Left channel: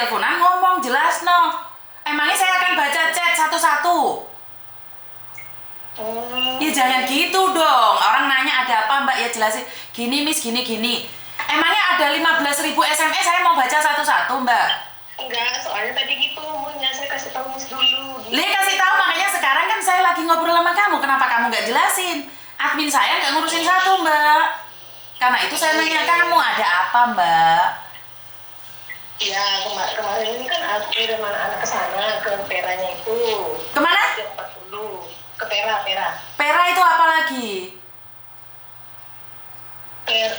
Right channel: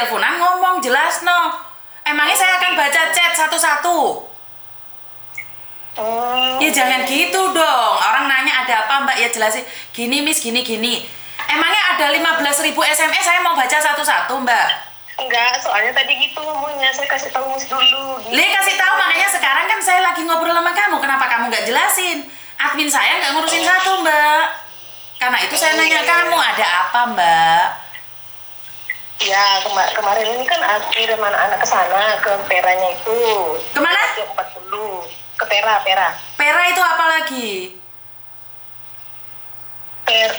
teleponan ngomong jelas no. Emangnya saya akan baca chat satu-satu? Ya jangan gitu dong. Orang nanya ada apa mbak, ya jelasin. Gini miss, gini. Emangnya ada 15.000 SMS saya mau baca satu-satu mbak? Enggak, soalnya tadi gitu ngomongnya, saya kasih tahu Miss dulu. Li kasih tahu, makanya sekarang kan saya lagi ngobrol sama kamu. Kenapa kamu nggak jelasin? Admin saya nggak ngurusin satu mbak. Karena itu saya nanya kamu ada apa mbak? Ya kemarin ini kan aku kirim anak-anak ke sana, ke Peranya itu. Kemana? Jam 40. Ke Pera. Pera itu apa lagi?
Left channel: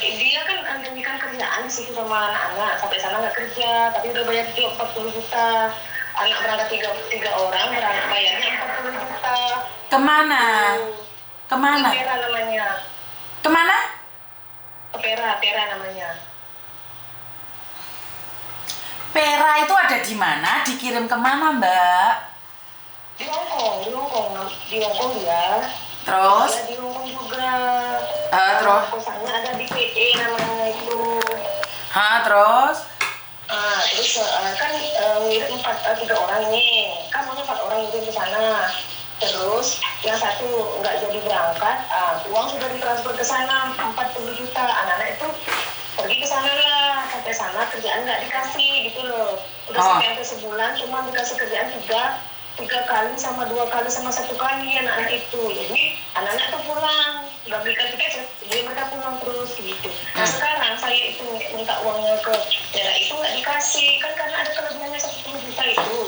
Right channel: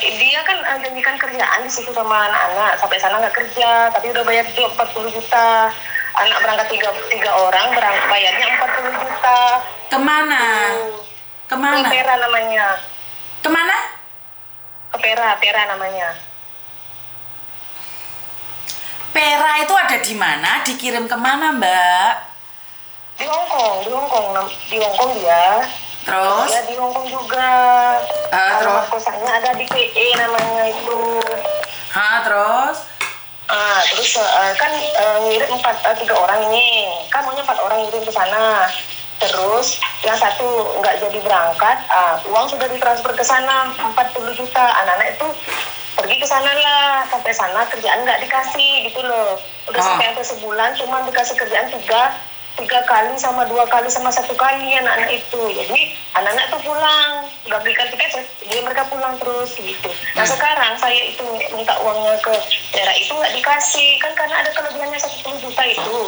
Dia kan janjikan kerjaan di situ sama anak-anak. Sampai sana nggak kerja, tapi udah bayar 40 juta. Anak berangkat tiga orang, bayarnya 40 juta. Kemana? Ke Pera namanya. Kemana? Ke Pera namanya. Pera itu ada di mana? Dikirim kemana mbak? Di Hongkong dia. Terus? Ya, di Hongkong juga. Terus? Kosannya ada di PE namanya itu. Terus? Terus kan ngirim 3 orang ini. Kan maunya 4 orang ngirim ke sana. Terus yang satu nggak jadi berangkat, uang sudah ditransfer ke sana 40 juta. Anak-anak itu pergi ke sana lah. Sampai sana kerjaan nggak dikasih gitu loh. Udah sampai sebulan cuma dikasih kerjaan 3 kali sama 2 kali sama 1 kali anak-anak itu. Jadi anak-anak tuh pulang, udah belikan tiket, jadi mereka pulang terus gitu. Nah sekarang saya itu minta uangnya ke daerah itu nggak dikasih, kan karena ada kelebihannya 10 juta itu.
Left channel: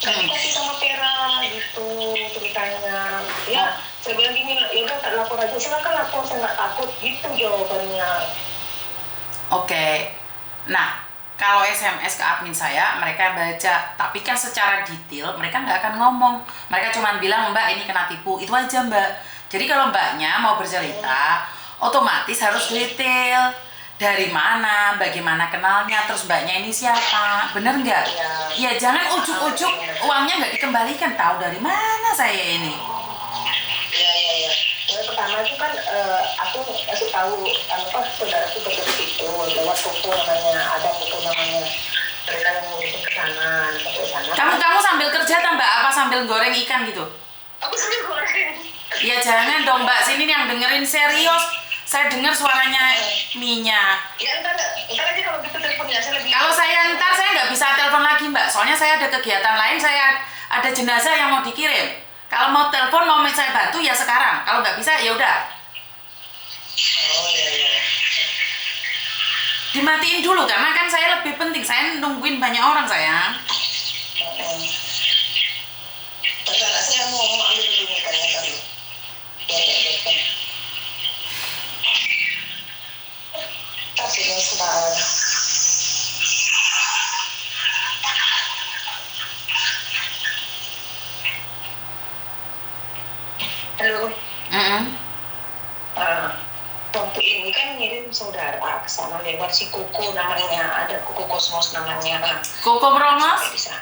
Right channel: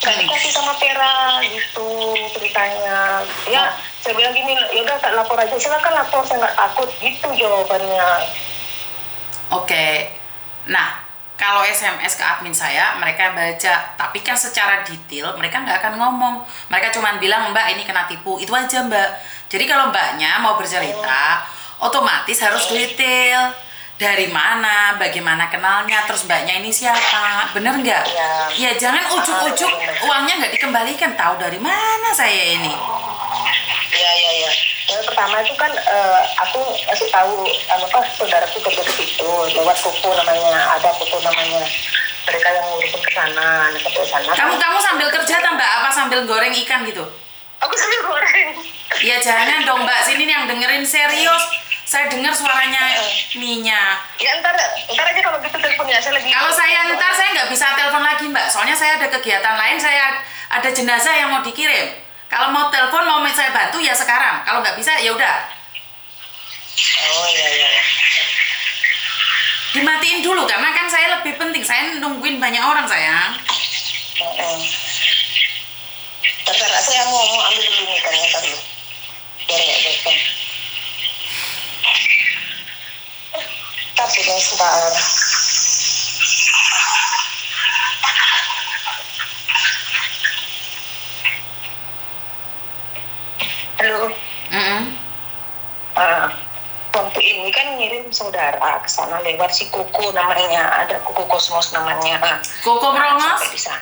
Nggak dikasih sama Pera gitu ceritanya. Ya saya bilang gini, ya udah tak lapor aja, silakan lapor, saya nggak takut gitu jawabannya. Oke. Nah, kalau SMS ke admin saya, mereka baca. Tapi kan secara detail, mereka nggak akan ngomong. Mereka cuma bilang, mbak ini kena tipu. Itu aja mbak. Jadi kalau mbaknya mau bercerita, otomatis harus detail. Dari mana, bagaimana kenalnya, terus mbaknya ini siapa. Bener nggak? Ya jangan ujuk-ujuk uangnya nggak dikembalikan. Tahu dari mana saya ini? Ya. Yang pertama itu kan aku kasih tahu saudaraku kerja di situ lewat Koko namanya, ada Koko namanya. Mereka yang ngurusin ke sana, ke sana. Kamu sambil kerja tak mbak? Apa sambil goreng ikan gitu? Aku sambil goreng. Ya jangan dong mbak, sini yang dengerin serius. Saya dengar suaranya minyak. Ya ntar aja kalau gitu teleponnya saya lagi. Kalau saya nggak bisa telepon lagi mbak, soalnya saya ada kegiatan lain, saya ada jenazah yang mau dikirim. Kalau mau telepon, mau saya bantu ya sekarang. Kalau nggak bisa ya udah. Oh iya. Dimatiin dulu karena kan saya lebih penting. Saya nungguin banyak orang sayang. Terserah, saya mau ambil dulu nih kan tadi. Biar ya depan. Tapi sebentar. Halo. Waktu ini kan ngirim saudara ke sana lewat si Koko namanya, ada Koko Kosmos namanya. Koko Brongos? Bisa.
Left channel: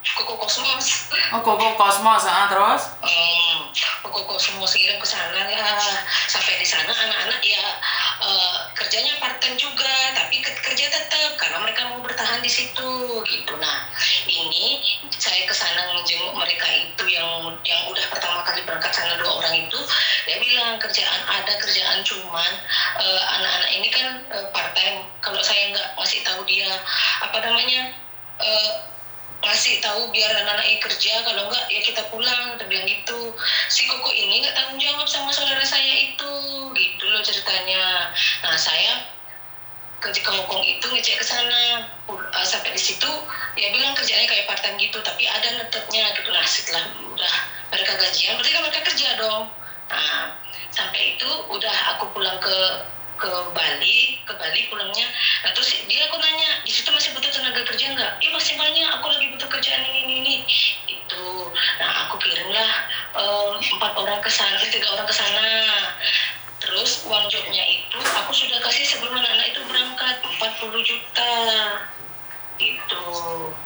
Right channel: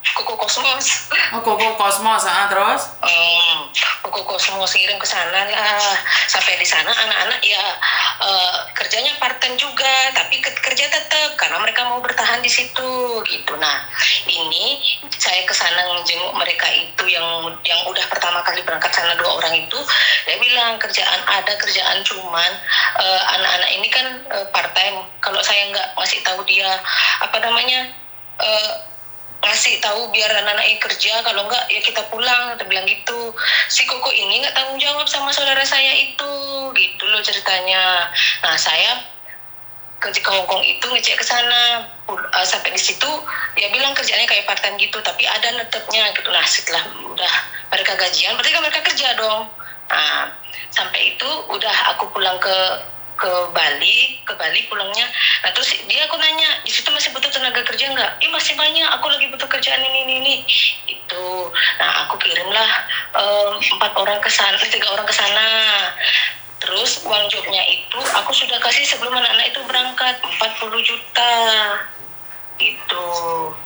Koko Kosmos. Oh Koko Kosmos, terus? Koko Kosmos ngirim ke sana lah. Sampai di sana anak-anak ya kerjanya part time juga, tapi kerja tetap karena mereka mau bertahan di situ gitu. Nah ini saya ke sana menjenguk mereka itu yang udah pertama kali berangkat sana 2 orang itu. Dia bilang kerjaan cuman anak-anak ini kan part time. Kalau saya nggak ngasih tahu dia ngasih tahu biar anak-anak ini kerja, kalau enggak ya kita pulang, kita bilang gitu. Si Koko ini nggak tanggung jawab sama saudara saya itu, gitu loh ceritanya. Nah saya ke Hongkong itu ngecek ke sana, sampai di situ dia bilang kerjanya kayak part time gitu, tapi ada netepnya gitu. Nah setelah udah mereka gajian, berarti kan mereka kerja dong. Nah sampai itu udah aku pulang ke Bali pulangnya. Nah terus aku nanya, di situ masih butuh tenaga kerja nggak? Masih banyak, aku lagi butuh kerjaan ini itu. Nah aku kirimlah 3 orang ke sana. Terus uang jobnya itu aku sudah kasih sebelum anak-anak itu berangkat 40 juta. gitu.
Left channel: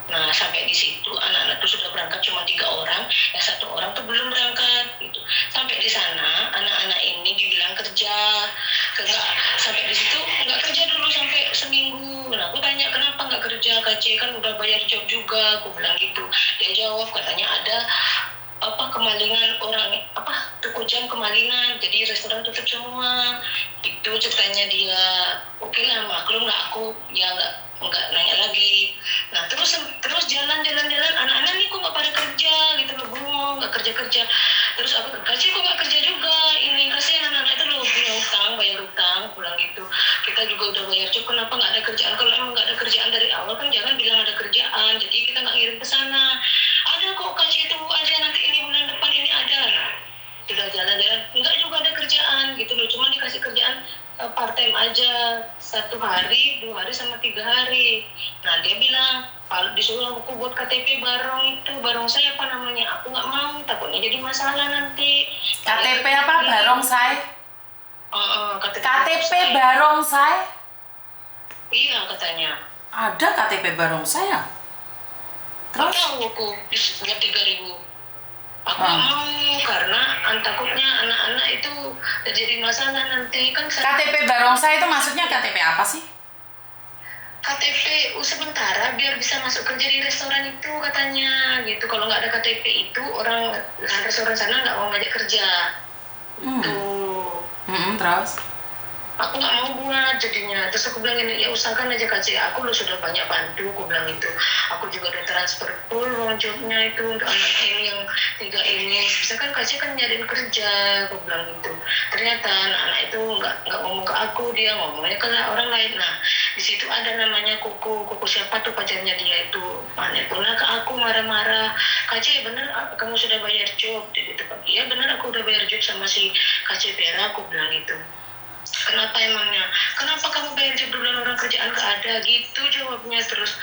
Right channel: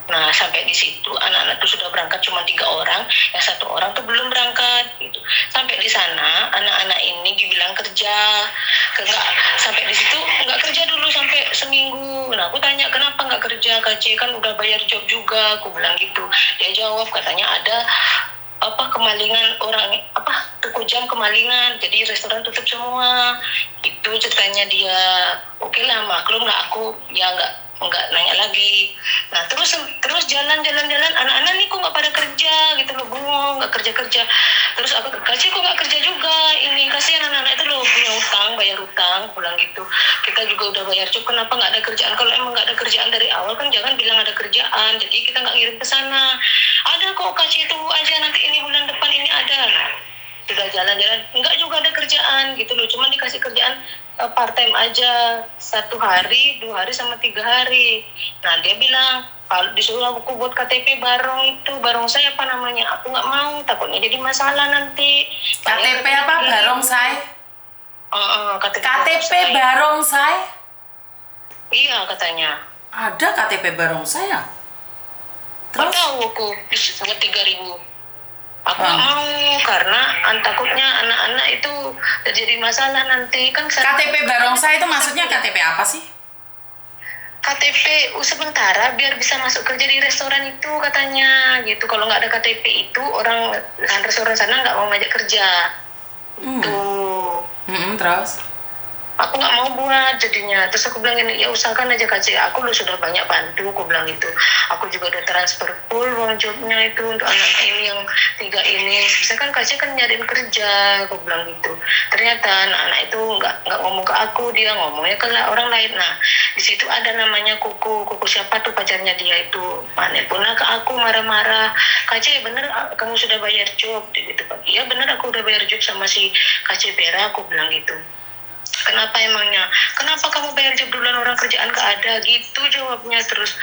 Nah sampai di situ anak-anak tuh sudah berangkat cuma 3 orang, yang 1 orang tuh belum berangkat gitu. Sampai di sana anak-anak ini dibilang kerja, enggak, sampai di situ nggak kerja dulu sampai seminggu. Nah aku tanya kenapa nggak kerja, KC kan udah bayar job juga, aku bilang gitu. Dia jawab katanya ada kemalingan orang, toko jam kemalingan, jadi restoran tutup semua. Itu ceritanya dia. Oke lah, maklum lah, aku ya nggak nanya lagi. Nah terus jalan-jalan anak-anak nih kok nggak pada kerja gitu loh, bengong, nggak kerja. Terus aku kasih kok nggak kerja juga, ini kasihan anak-anak itu loh, punya utang, bayar utang, pulang gitu. Kita juga udah bayar cukup, kenapa nggak ada kerjaan? Kalau emang nggak ada kerjaan dari awal kan jangan bilang ada kerjaan, jadi kita nggak ngirim ke sana. Ada kok, kasih tunggu aja, nanti ini bulan depan ini ada. Sudah jalan-jalan enggak juga ada kerjaan gitu loh, cuma dikasih kerjaan part time aja, 1 hari, 2 hari sama 3 hari. Nah dia bilang kalau disuruh aku buat KTP barong saya apa namanya, aku nggak mau, takutnya jadi masalah nanti. KTP apa barongsai? KTP Barongsai? Iya katanya. Ada KTP barongsai ya? Terus Terus? tahu aku buat 3.000. Aku nggak mau karena takutnya anak-anak itu terjadi masalah nanti kan. KTP barongsai itu maksudnya KTP apa sih? KTP sementara biar bisa masuk kerja di restoran itu katanya gitu. Kalau nggak ada KTP itu orang restoran sana nggak mau ngajak kerja. Tuh. Terus? Aku nggak mau buat jadinya. Terus aku bilang ini, ya usahakan aja kasih. Aku lo sudah banyak bantu, aku bilang itu. Aku juga udah transfer full uang jobnya itu untuk anak ini yang 3 ini. Bisa kan kasih kan nyariin kerja, aku bilang gitu. Ternyata anak itu nggak ngomong ke aku, dia ngomongnya ke orang lain. Nah di situ ada namanya Kuku siapa tuh pacarnya dia itu. Pernah ke aku marah-marah. KC bener kamu sudah bayar job gitu kan? Iya bener aku udah bayar job sama si KC Vera, aku bilang gitu. Kenapa emangnya? Kenapa kamu bayar job duluan, orang kerjaan gak ada? Gitu jawabnya. Terus,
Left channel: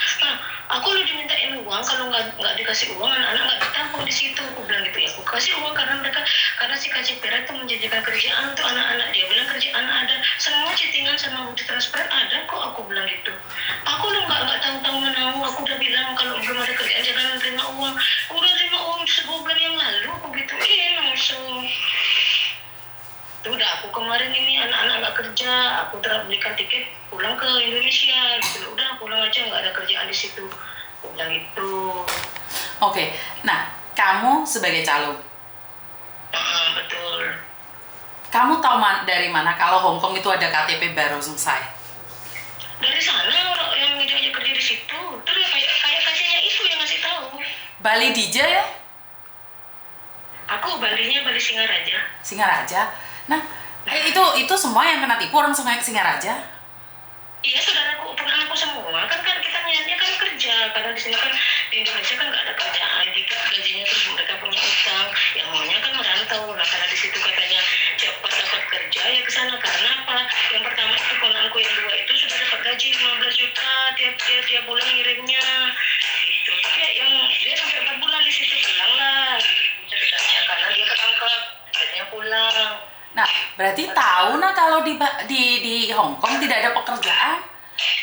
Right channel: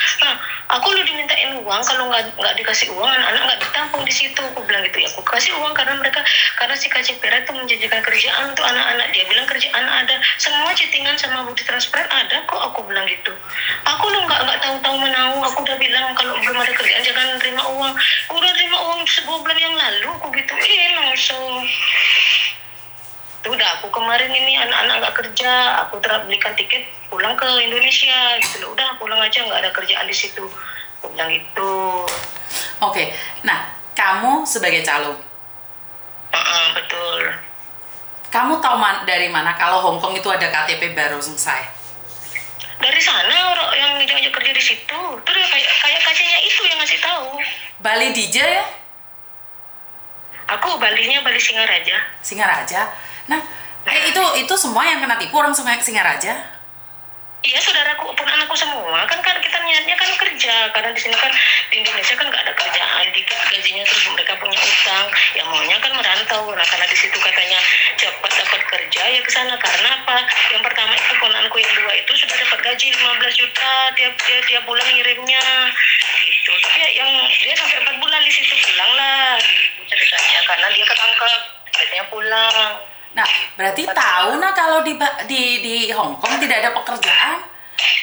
aku udah dimintain uang, kalau nggak dikasih uang, anak-anak nggak ditampung di situ. Aku bilang gitu, ya aku kasih uang karena si Kak Pera itu menjanjikan kerjaan untuk anak-anak. Dia bilang kerjaan ada, semua chattingan sama bukti transparan ada kok. Aku bilang gitu. Aku lo nggak tahu-tahu menau. Aku udah bilang kalau belum ada kerjaan jangan terima uang. Aku udah terima uang 2 bulan yang lalu. Aku gitu, langsung. Udah aku kemarin ini anak-anak nggak kerja, aku belikan tiket pulang ke Indonesia gitu. Udah pulang aja, nggak ada kerjaan di situ, aku bilang gitu. Oke, nah kamu sebagai calo, Betul. kamu tahu dari mana kalau Hong Kong itu ada KTP barongsai? Dari sana orang yang diajak kerja di situ, terus kayak kasihnya itu yang ngasih tahu. Bali DJ ya? Aku Balinya Bali Singaraja. Singaraja. Nah, itu semua yang kena tipu orang Singaraja? Iya, saudaraku, ponakanku semua. Kan kita niatnya kan kerja. Karena di sini kan, di Indonesia kan nggak ada kerjaan. Dikit gajinya, terus mereka punya utang. Ya maunya kan merantau. Nah, karena di situ katanya cepat dapat kerja, ya ke sana. Karena apa? Yang pertama itu ponakanku yang 2 itu sudah dapat gaji 15 juta tiap bulan ngirimnya. Gitu. Tapi yang dia sampai 4 bulan di situ pulang lah. Gitu ceritanya. Karena dia ketangkep, akhirnya pulang. Nah, berarti tahu kalau di Hong Kong tidak ada pekerjaan.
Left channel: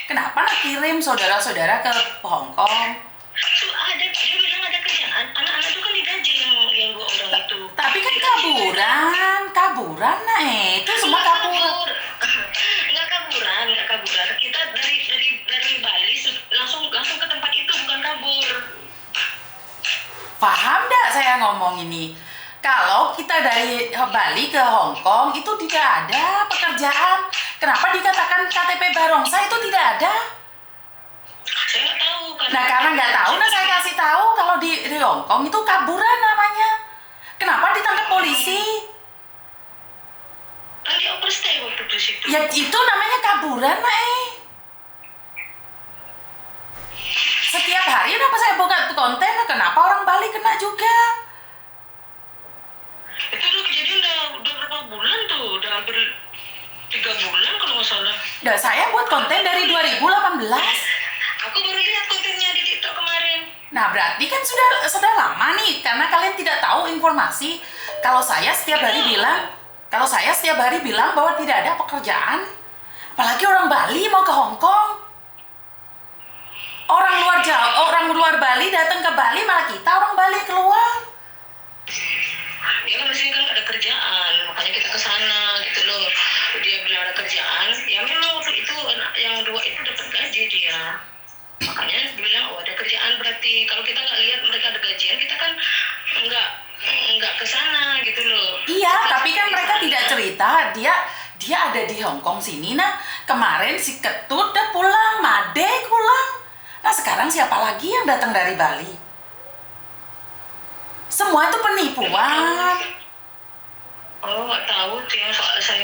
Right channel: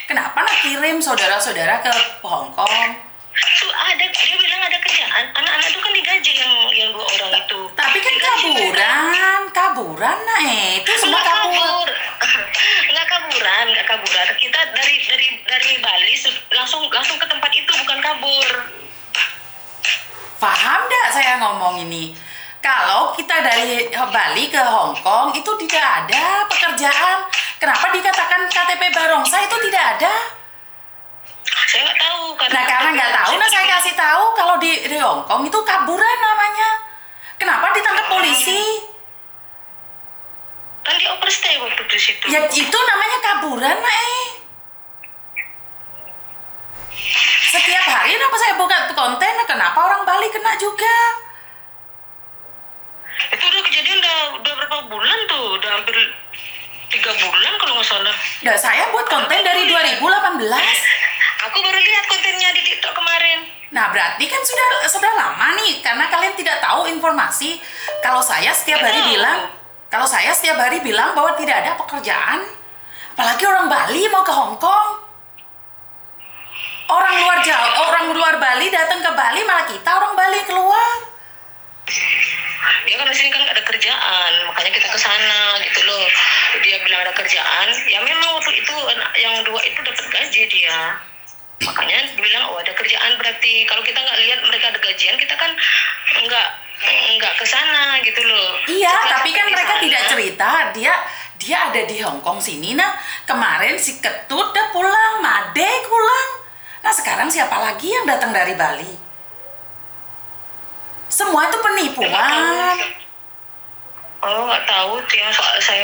Kenapa nak kirim saudara-saudara ke Hong Kong? Ada, dia bilang ada kerjaan. Anak-anak itu kan digaji yang 2 orang itu. Tapi kan kaburan nah itu semua kabur. Nggak kaburan. Kita dari Bali langsung ke tempat itu, bukan kabur. Paham nggak saya ngomong ini? Kalau kita dari Bali ke Hong Kong itu tidak ada pekerjaan. Kenapa dikatakan KTP barongsai itu tidak ada? Saya nggak tahu. Karena nggak tahu, saya kasih tahu kalau di Hong Kong itu kaburan namanya. Kenapa ditangkap polisi? Kan dia overstay waktu di situ. Ya itu namanya kaburan, Setiap hari kenapa saya buka konten, kenapa orang Bali kena juga? Itu udah kejadian udah berapa bulan tuh? Udah hampir 3 bulan kalau nggak salah. Nah, saya buat konten dari 2018. Aku baru lihat kontennya di TikTok kemarin. Nah, berarti kan sudah lama nih, karena kalian tidak tahu informasi. Kalau saya setiap hari bilang bahwa tidak ada pekerjaan, apalagi orang Bali mau ke Hong Kong. Orang Bali datang ke Bali, malah kita orang Bali keluar. Ya kan di sini kan nggak ada kerjaan, makanya kita ke sana gitu loh. Dia bilang ada kerjaan, ya memang waktu itu yang dua itu dapat gaji dia. Makanya dia bilang oh ada kerjaan, berarti kalau kita nggak lihat mereka ada gajian, kita kan nggak ke sana gitu loh. Iya, Kita tapi kan di mereka sana. tidak cerita dia ada di Hong Kong sini. Nah, kemarin si Ketut udah pulang, Made pulang. Nah, sekarang siapa lagi yang datang dari Bali? Semua itu penipuan. Oh nggak tahu yang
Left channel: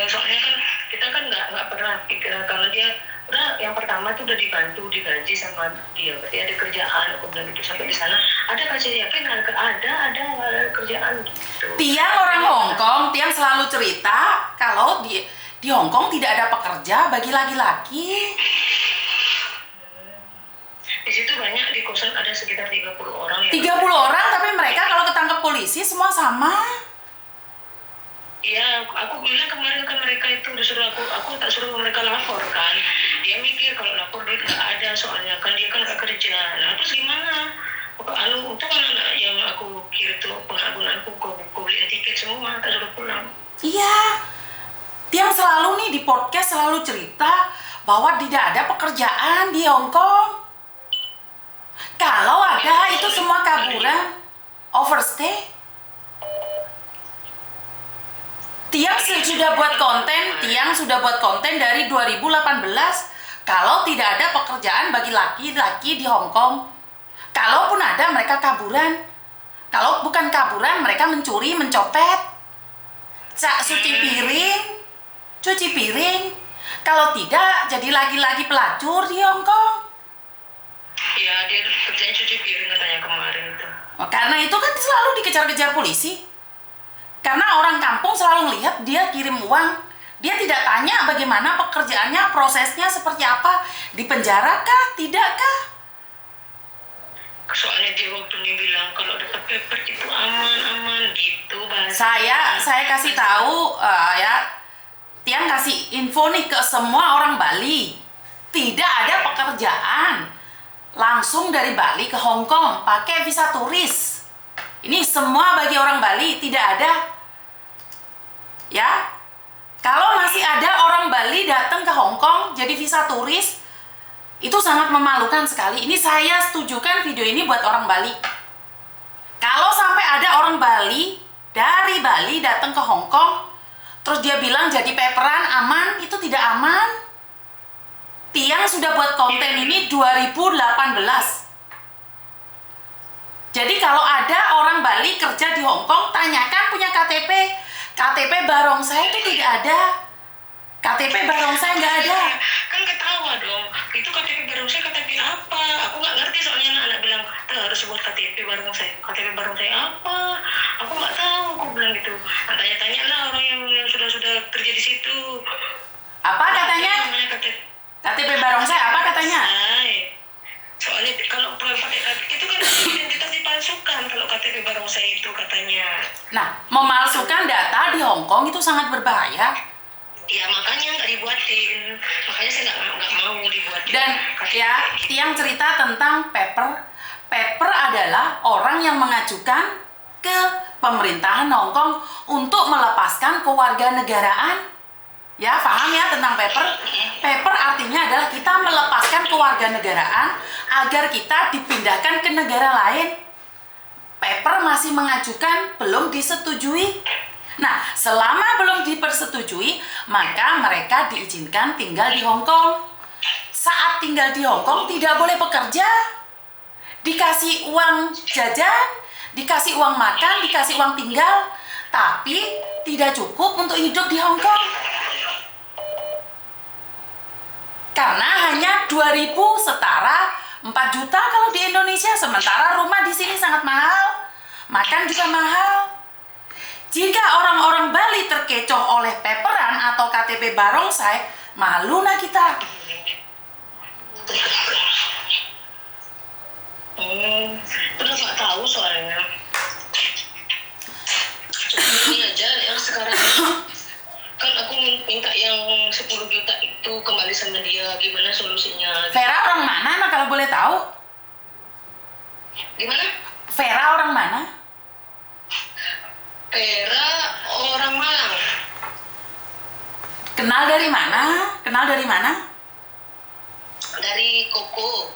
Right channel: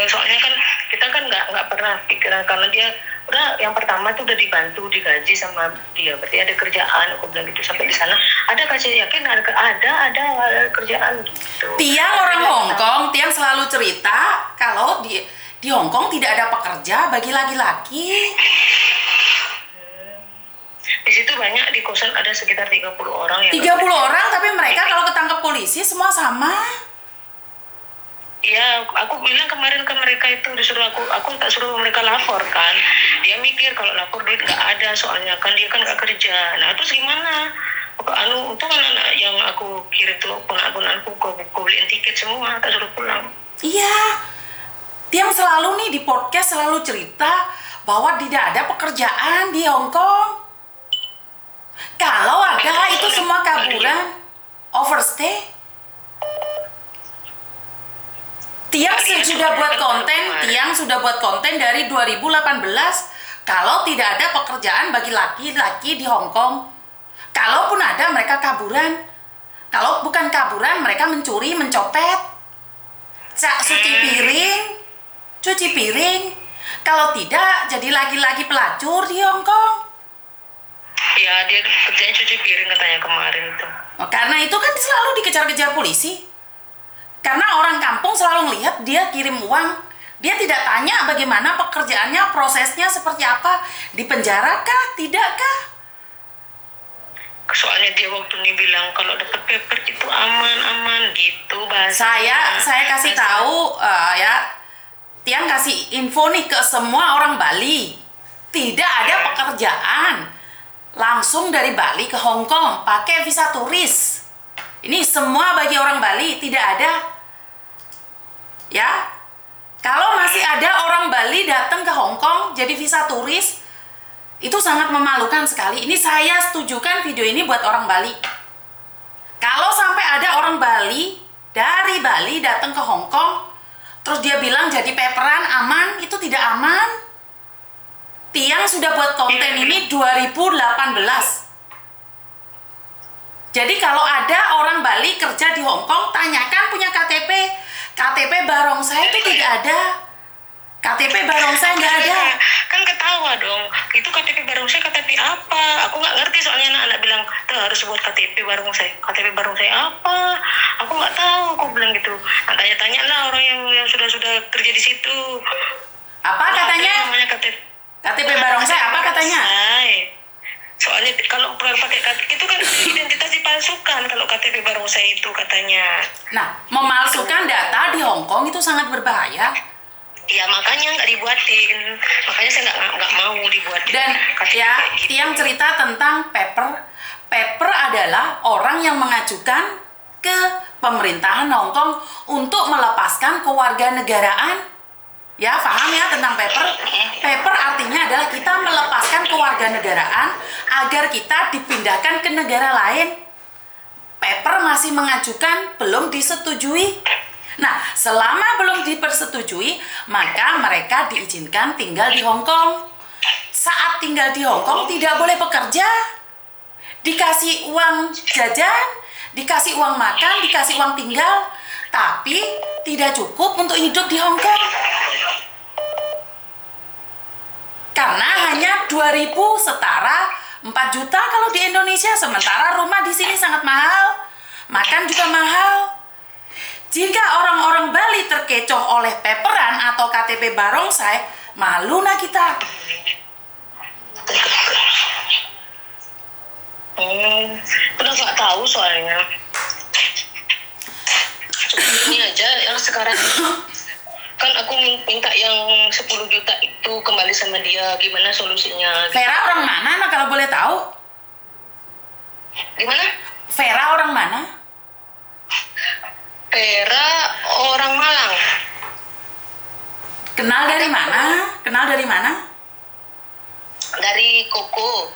soalnya kan kita kan nggak pernah pikir, karena dia udah yang pertama tuh udah dibantu digaji sama dia, berarti ada kerjaan. Aku bilang gitu sampai di sana ada kasih yakin ada kerjaan gitu. Tiang orang Hong Kong, Tiang selalu cerita kalau di Hong Kong tidak ada pekerja bagi laki-laki. Di situ banyak, di kosan ada sekitar 30 orang yang 30 orang, tapi mereka kalau ketangkep polisi semua sama. Iya, aku bilang kemarin ke mereka itu disuruh aku tak suruh mereka lapor kan. Dia mikir kalau lapor duit nggak ada, soalnya kan dia kan nggak kerja. Nah terus gimana? Itu kan anak yang aku kirim tuh ponak-ponakku, aku beliin tiket semua, tak suruh pulang. Iya, Tiang selalu nih di podcast selalu cerita bahwa tidak ada pekerjaan di Hong Kong. Kalau ada itu semua kaburan, overstay. Tiang sudah buat konten dari 2018. Kalau tidak ada pekerjaan bagi laki-laki di Hong Kong. Kalaupun ada, mereka kaburan. Kalau bukan kaburan, mereka mencuri, mencopet. Cuci piring. Kalau tidak, jadi laki-laki pelacur di Hong Kong. Ya, dia kerjanya cuci piring katanya kemarin tuh. Karena itu kan selalu dikejar-kejar polisi. Karena orang kampung selalu melihat dia kirim uang. Dia tidak tanya bagaimana pekerjaannya, prosesnya seperti apa. Di penjara kah? Tidak kah? Soalnya dia waktu ini bilang kalau dapat paper itu aman gitu bahasa. Saya kasih tahu ya. Tiang kasih info nih ke semua orang Bali. Tidak ada pekerjaan. Langsung dari Bali ke Hong Kong pakai visa turis. Ini semua bagi orang Bali, tidak ada. Ya, kalau masih ada orang Bali datang ke Hong Kong jadi visa turis, itu sangat memalukan sekali. Ini saya setujukan video ini buat orang Bali. Kalau sampai ada orang Bali dari Bali datang ke Hong Kong, terus dia bilang jadi paperan aman, itu tidak aman. Tiang sudah buat konten ini 2018. Jadi kalau ada orang Bali kerja di Hong Kong, tanyakan punya KTP. KTP barongsai itu tidak ada. KTP barongsai nggak ada. Kan ketawa dong. Itu KTP barongsai KTP apa? Aku nggak ngerti, soalnya anak bilang tuh harus buat KTP barongsai. KTP barongsai apa? Aku nggak tahu. Aku bilang gitu. Nah, tanya-tanya lah orang yang sudah kerja di situ. Apa katanya? Namanya KTP barongsai apa katanya? Soalnya kalau pakai KTP itu kan identitas dipalsukan kalau KTP barongsai itu katanya. Nah, memalsukan data di Hong Kong itu sangat berbahaya. Ya makanya nggak dibuatin. Makanya saya nggak mau dibuatin. Dan ya, Tiang cerita tentang paper. Paper adalah orang yang mengajukan ke pemerintahan Hong Kong untuk melepaskan kewarganegaraan. Ya, paham ya tentang paper? Paper artinya adalah kita melepaskan kewarganegaraan agar kita dipindahkan ke negara lain. Paper masih mengajukan, belum disetujui. Nah, selama belum dipersetujui, maka mereka diizinkan tinggal di Hong Kong. Saat tinggal di Hong Kong tidak boleh bekerja. Dikasih uang jajan, dikasih uang makan, dikasih uang tinggal, tapi tidak cukup untuk hidup di Hong Kong. Karena hanya 2.000 setara 4 juta kalau di Indonesia, sementara rumah di sini sangat mahal, makan juga mahal. Jika orang-orang Bali terkecoh oleh paperan atau KTP barongsai, malu nah kita. Udah nggak tahu soalnya. Ini aja yang sekarang kan aku minta yang 10 juta itu kembali sama dia, gimana solusinya? Vera orang mana nah kalau boleh tahu? Gimana? Vera orang mana? Vera orang Malang. Kenal dari mana? Kenal dari mana? Dari Koko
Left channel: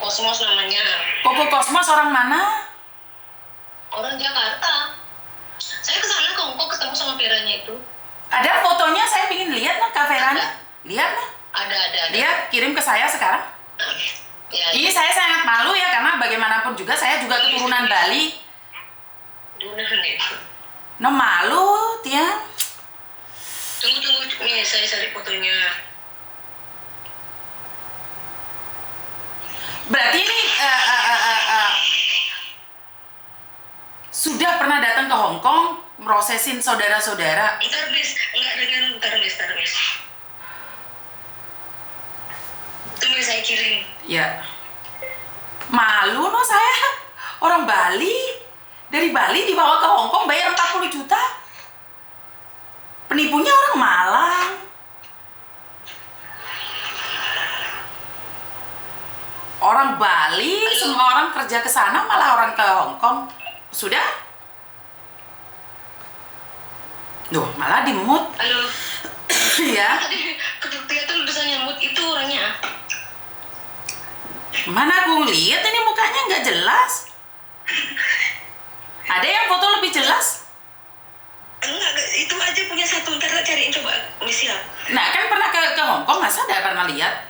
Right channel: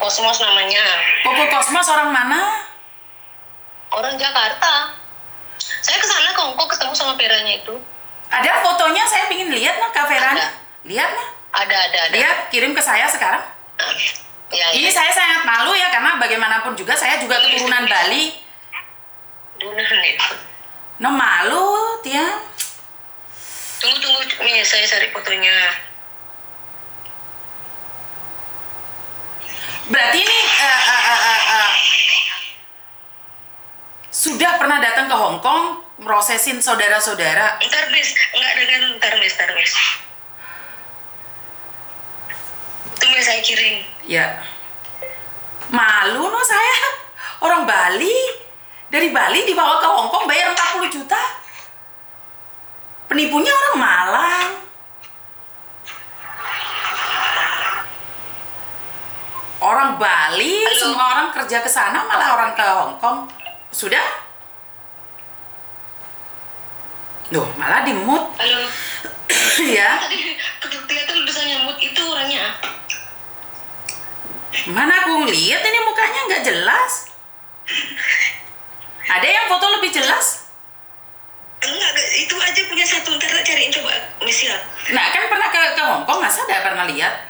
Kosmos namanya. Koko Kosmos orang mana? Orang Jakarta. Saya ke sana ke Hongkong ketemu sama Veranya itu. Ada fotonya, saya ingin lihat nah Kak Veranya. Lihat nah. Ada. Lihat, kirim ke saya sekarang. Ya, Ini saya sangat malu ya, karena bagaimanapun juga saya juga keturunan Bali. No malu, Tian. Tunggu. Nih, saya cari fotonya. Berarti ini sudah pernah datang ke Hong Kong merosesin saudara-saudara. Ntar, Miss. Tunggu saya kirim. Ya. Malu no saya. Orang Bali. Dari Bali dibawa ke Hong Kong bayar 40 juta. Penipunya orang Malang. Orang Bali, Halo. semua orang kerja ke sana, malah orang ke Hong Kong. Sudah? Duh, malah di mood. Halo. Ya. Tadi kelihatan tulisannya mood itu orangnya. Mana aku ngeliat ini mukanya nggak jelas. Ada yang foto lebih jelas? Enggak, itu aja punya satu. Ntar tak cariin coba, Miss ya. Nah, kan pernah ke Hong Kong, masa ada pernah lihat?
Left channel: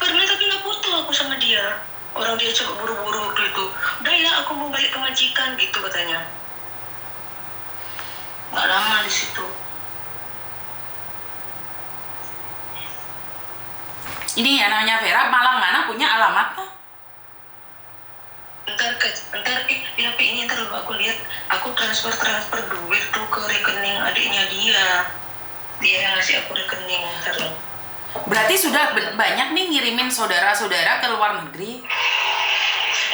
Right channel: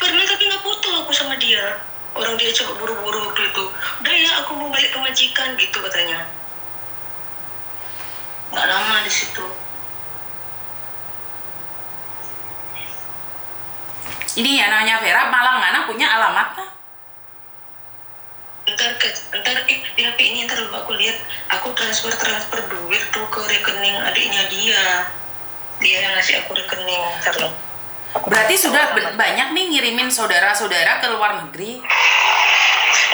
Pernah tapi nggak foto aku sama dia. Orang dia coba buru-buru waktu itu. Udah ya, aku mau balik ke majikan gitu katanya. Nggak lama di situ. Ini ya namanya Vera, Malang mana punya alamatnya? Ntar di HP ini ntar aku lihat. Aku transfer duit tuh ke rekening adiknya dia. Dia yang ngasih aku rekening. Ntar loh. Berarti sudah banyak nih ngirimin saudara-saudara ke luar negeri.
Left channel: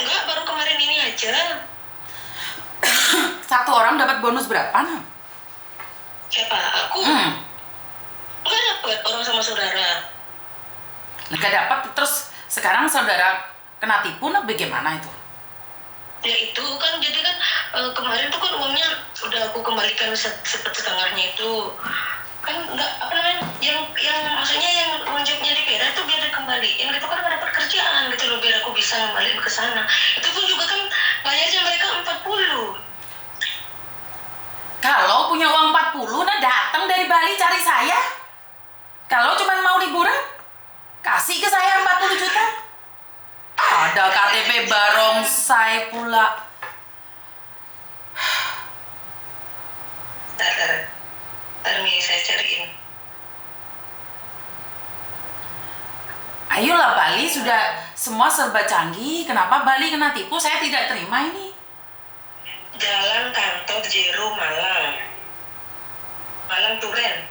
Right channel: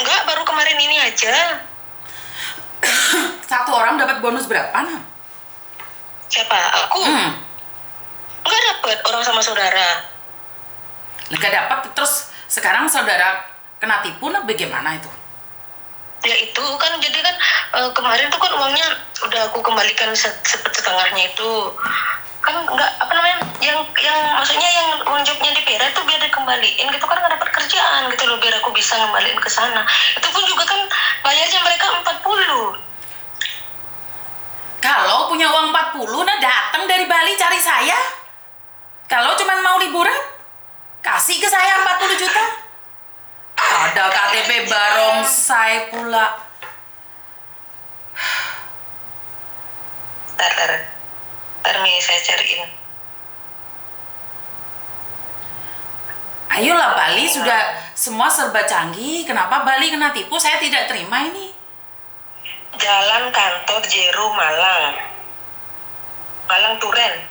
Enggak, baru kemarin ini aja. Satu orang dapat bonus berapa nah? Siapa? Aku? Enggak dapat orang sama saudara. Nggak dapat, terus sekarang saudara kena tipu, nah bagaimana itu? Ya itu kan, jadi kan kemarin tuh kan uangnya udah aku kembalikan setengahnya itu. Kan enggak, apa namanya, yang maksudnya yang uang jobnya di Pera tuh biar dikembaliin gitu kan, nggak dapat kerjaan gitu loh, biar aku bisa ngembaliin ke sana. Itu pun juga kan bayarnya mereka 40. Kalau punya uang 40, nah datang dari Bali cari saya. Kalau cuma mau liburan, kasih ke saya 40 juta. Ada KTP barongsai pula. Ntar nih saya cariin. Ayolah, Bali sudah semua serba canggih. Kenapa Bali kena tipu? Saya tidak terima ini. Jalan Kantor Jero Malang Turen.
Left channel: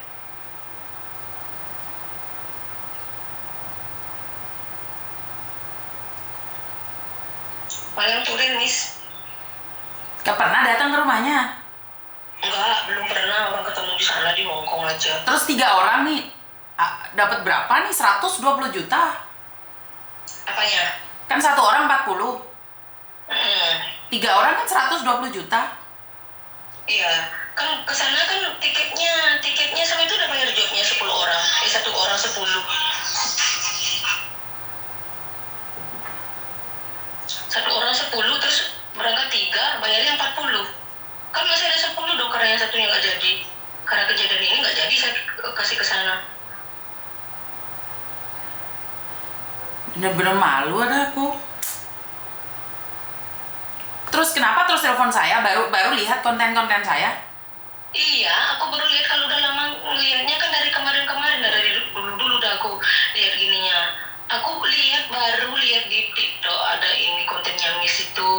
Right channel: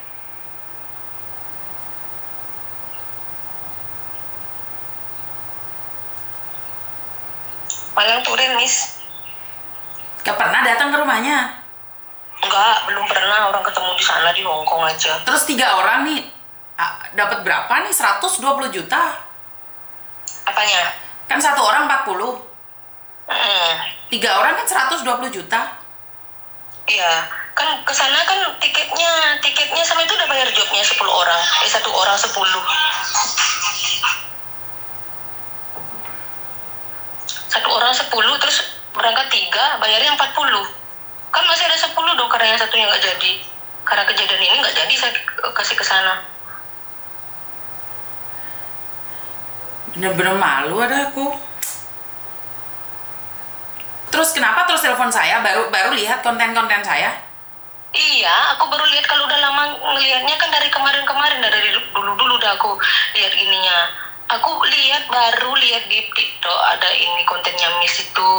Malang Turen, Miss. Gak pernah datang ke rumahnya. Enggak, belum pernah orang ketemu di sana, di Hong Kong aja. Terus 3 orang nih dapat berapa nih? 120 juta. Apanya? Kan satu orang 40. 3 orang kan 120 juta. Iya, kan ke sana kan tiketnya sama itu udah bayar jobnya 10 orang. Satu orang 10. Satu orang 10, terus berangkat 3, bayarnya 40. Kan masih ada 10 dong, karena yang satunya nggak jadi. Karena kejadian ini nggak jadi saya kasih ke sana. Bener-bener malu ada aku. Terus kenapa terus telepon saya? Baru lihat konten-konten saya? Iya, aku baru lihat, kalau udah lama ngelihatnya kan dari kemarin-kemarin, dari dulu udah aku lihat gininya. Aku baru lihat di TikTok ada ini kontennya Miss itu.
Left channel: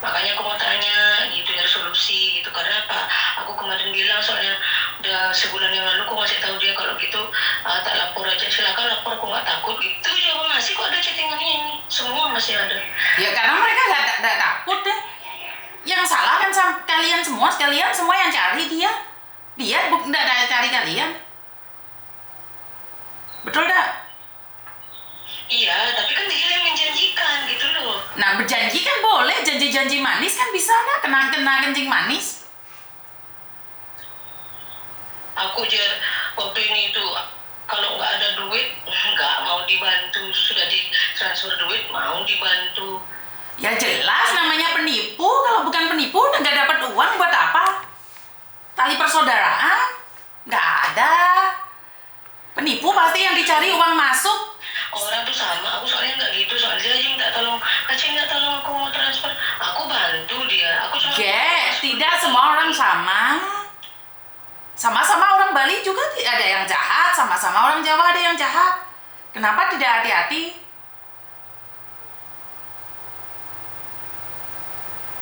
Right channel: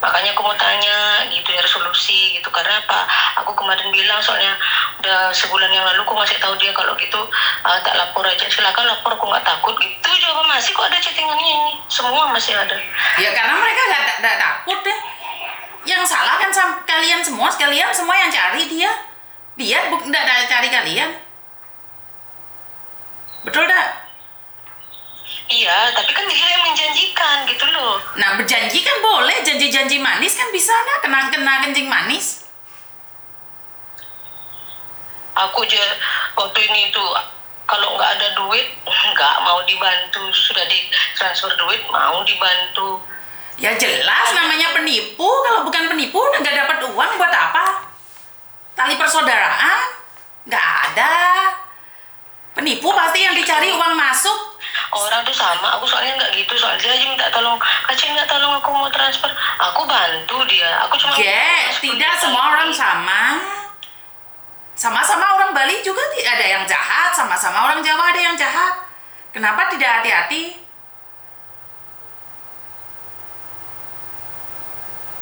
Makanya aku mau tanya gitu ya, resolusi gitu. Karena apa? Aku kemarin bilang soalnya udah sebulan yang lalu aku masih tahu dia kalau gitu tak lapor aja. Silakan lapor, aku nggak takut gitu. Jawab masih kok ada chattingannya ini. Semua masih ada. Ya karena mereka gak takut deh. Yang salah kan kalian semua yang cari dia. Dia gak cari kalian. Betul dak? Iya, tapi kan dia yang menjanjikan. Nah, berjanji kan boleh, janji-janji manis kan bisa nah, kena kencing manis. Aku aja waktu ini tuh kalau nggak ada duit nggak mau dibantu, sudah ditransfer duit mau dibantu. Ya jelas namanya penipu, kalau bukan penipu nggak dapat uang buat apa? Tali persaudaraan? Nggak ada. Penipu pasti yang dicari uang masuk. Orang tuh sama, aku soalnya nggak gitu, soalnya dia aja minta tolong, Kak minta tolong aku mau transfer, aku bantu dia, aku cuma Tidak semua orang sama. Sama-sama orang Bali juga ada yang jahat, sama-sama orang Jawa ada yang jahat. Kenapa tidak hati-hati?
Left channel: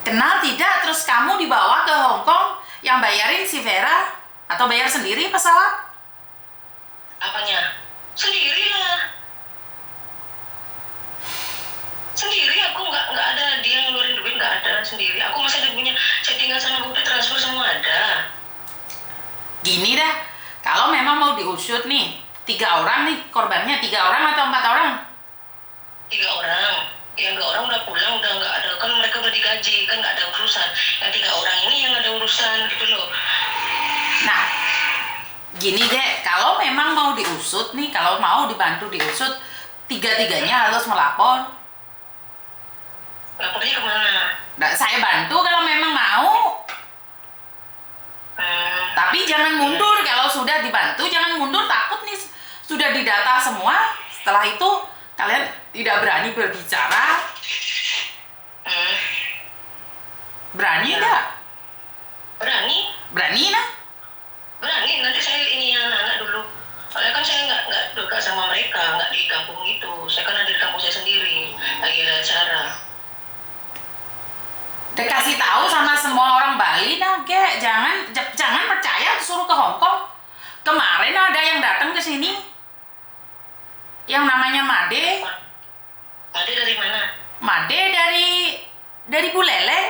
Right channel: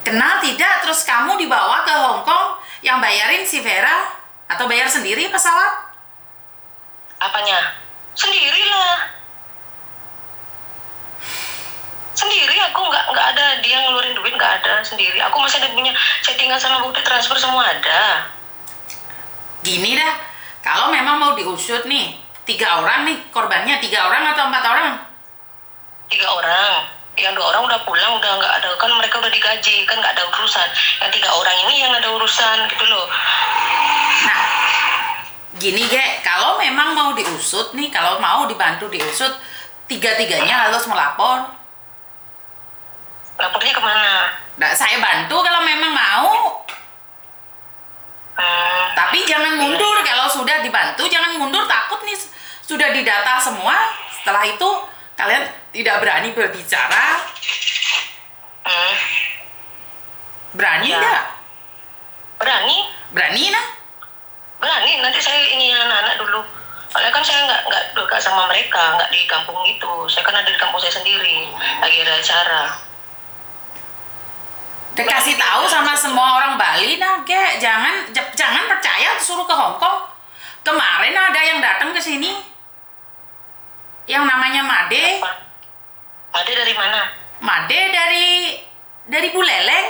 Kenal tidak, terus kamu dibawa ke Hong Kong, yang bayarin si Vera? Atau bayar sendiri pesawat? Apanya? Sendirilah. Sendiri, aku nggak ada dia ngeluarin duit, nggak ada, sendiri. Aku masih ada punya settingan sama bukti transfer semua ada. Gini dah, kalau memang mau diusut nih, 3 orang nih korbannya, 3 orang atau 4 orang? 3 orang. Yang 2 orang udah pulang, udah nggak ada, kan mereka udah digaji, kan nggak ada urusan. Yang 3 orang ini yang ada urusan gitu loh. Nah, gini Ge, kalau memang mau diusut nih, kalau mau dibantu diusut, 3-tiganya harus melapor. Lapornya kemana? Nah, saya bantu kalau memang mau. Tapi jangan mundur, kalau sudah dibantu jangan mundur, takut nih sudah didata semua. Setelah itu kalian tidak berani berbicara. Berani enggak? Berani? Berani nah? Berani, nanti saya ini anak-anak dulu. Soalnya kan saya nggak dekat sama mereka, nggak di kampung itu. Saya kan ada di kampung saya sendiri, lagi ada acara. Dikasih tahu sama semua orang Bali nah, Ge, jangan percaya suruh ke Hong Kong. Kemarin ada yang datang ke sini, yang namanya Made. Made dari mana? Made dari Buleleng.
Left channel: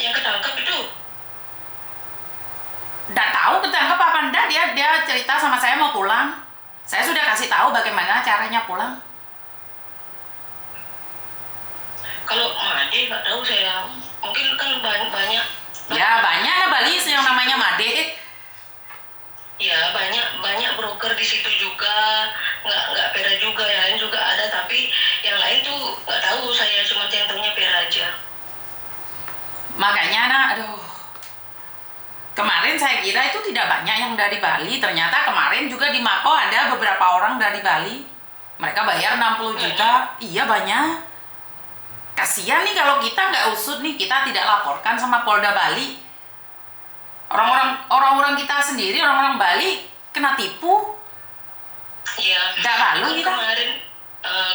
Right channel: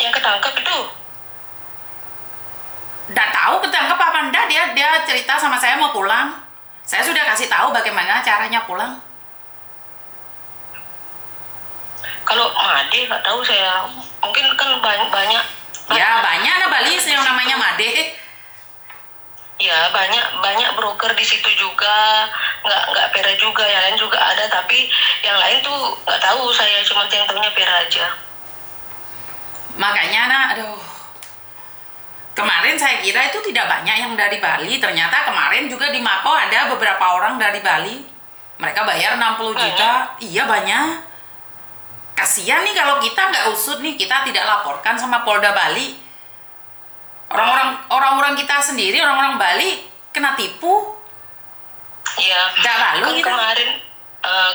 Yang ketangkep itu? Nggak tahu ketangkep apa enggak, dia cerita sama saya mau pulang. Saya sudah kasih tahu bagaimana caranya pulang. Kalau Made nggak tahu saya, mungkin kan banyak. Ya banyak nah Bali yang namanya Made. Ya banyak broker di situ juga, nggak Pera juga, yang lain juga ada, tapi yang lain tuh nggak tahu, saya cuma yang tahunya Pera aja. Makanya nah, aduh. Kemarin saya kira itu tidak banyak yang dari Bali, ternyata kemarin juga di Mako ada beberapa orang dari Bali. Mereka bayar 60 juta. Iya banyak. Kasihan nih kalau kita nggak usut nih, kita tidak laporkan sama Polda Bali. Orang-orang kita sendiri, orang-orang Bali kena tipu. Iya. Nggak malu kita.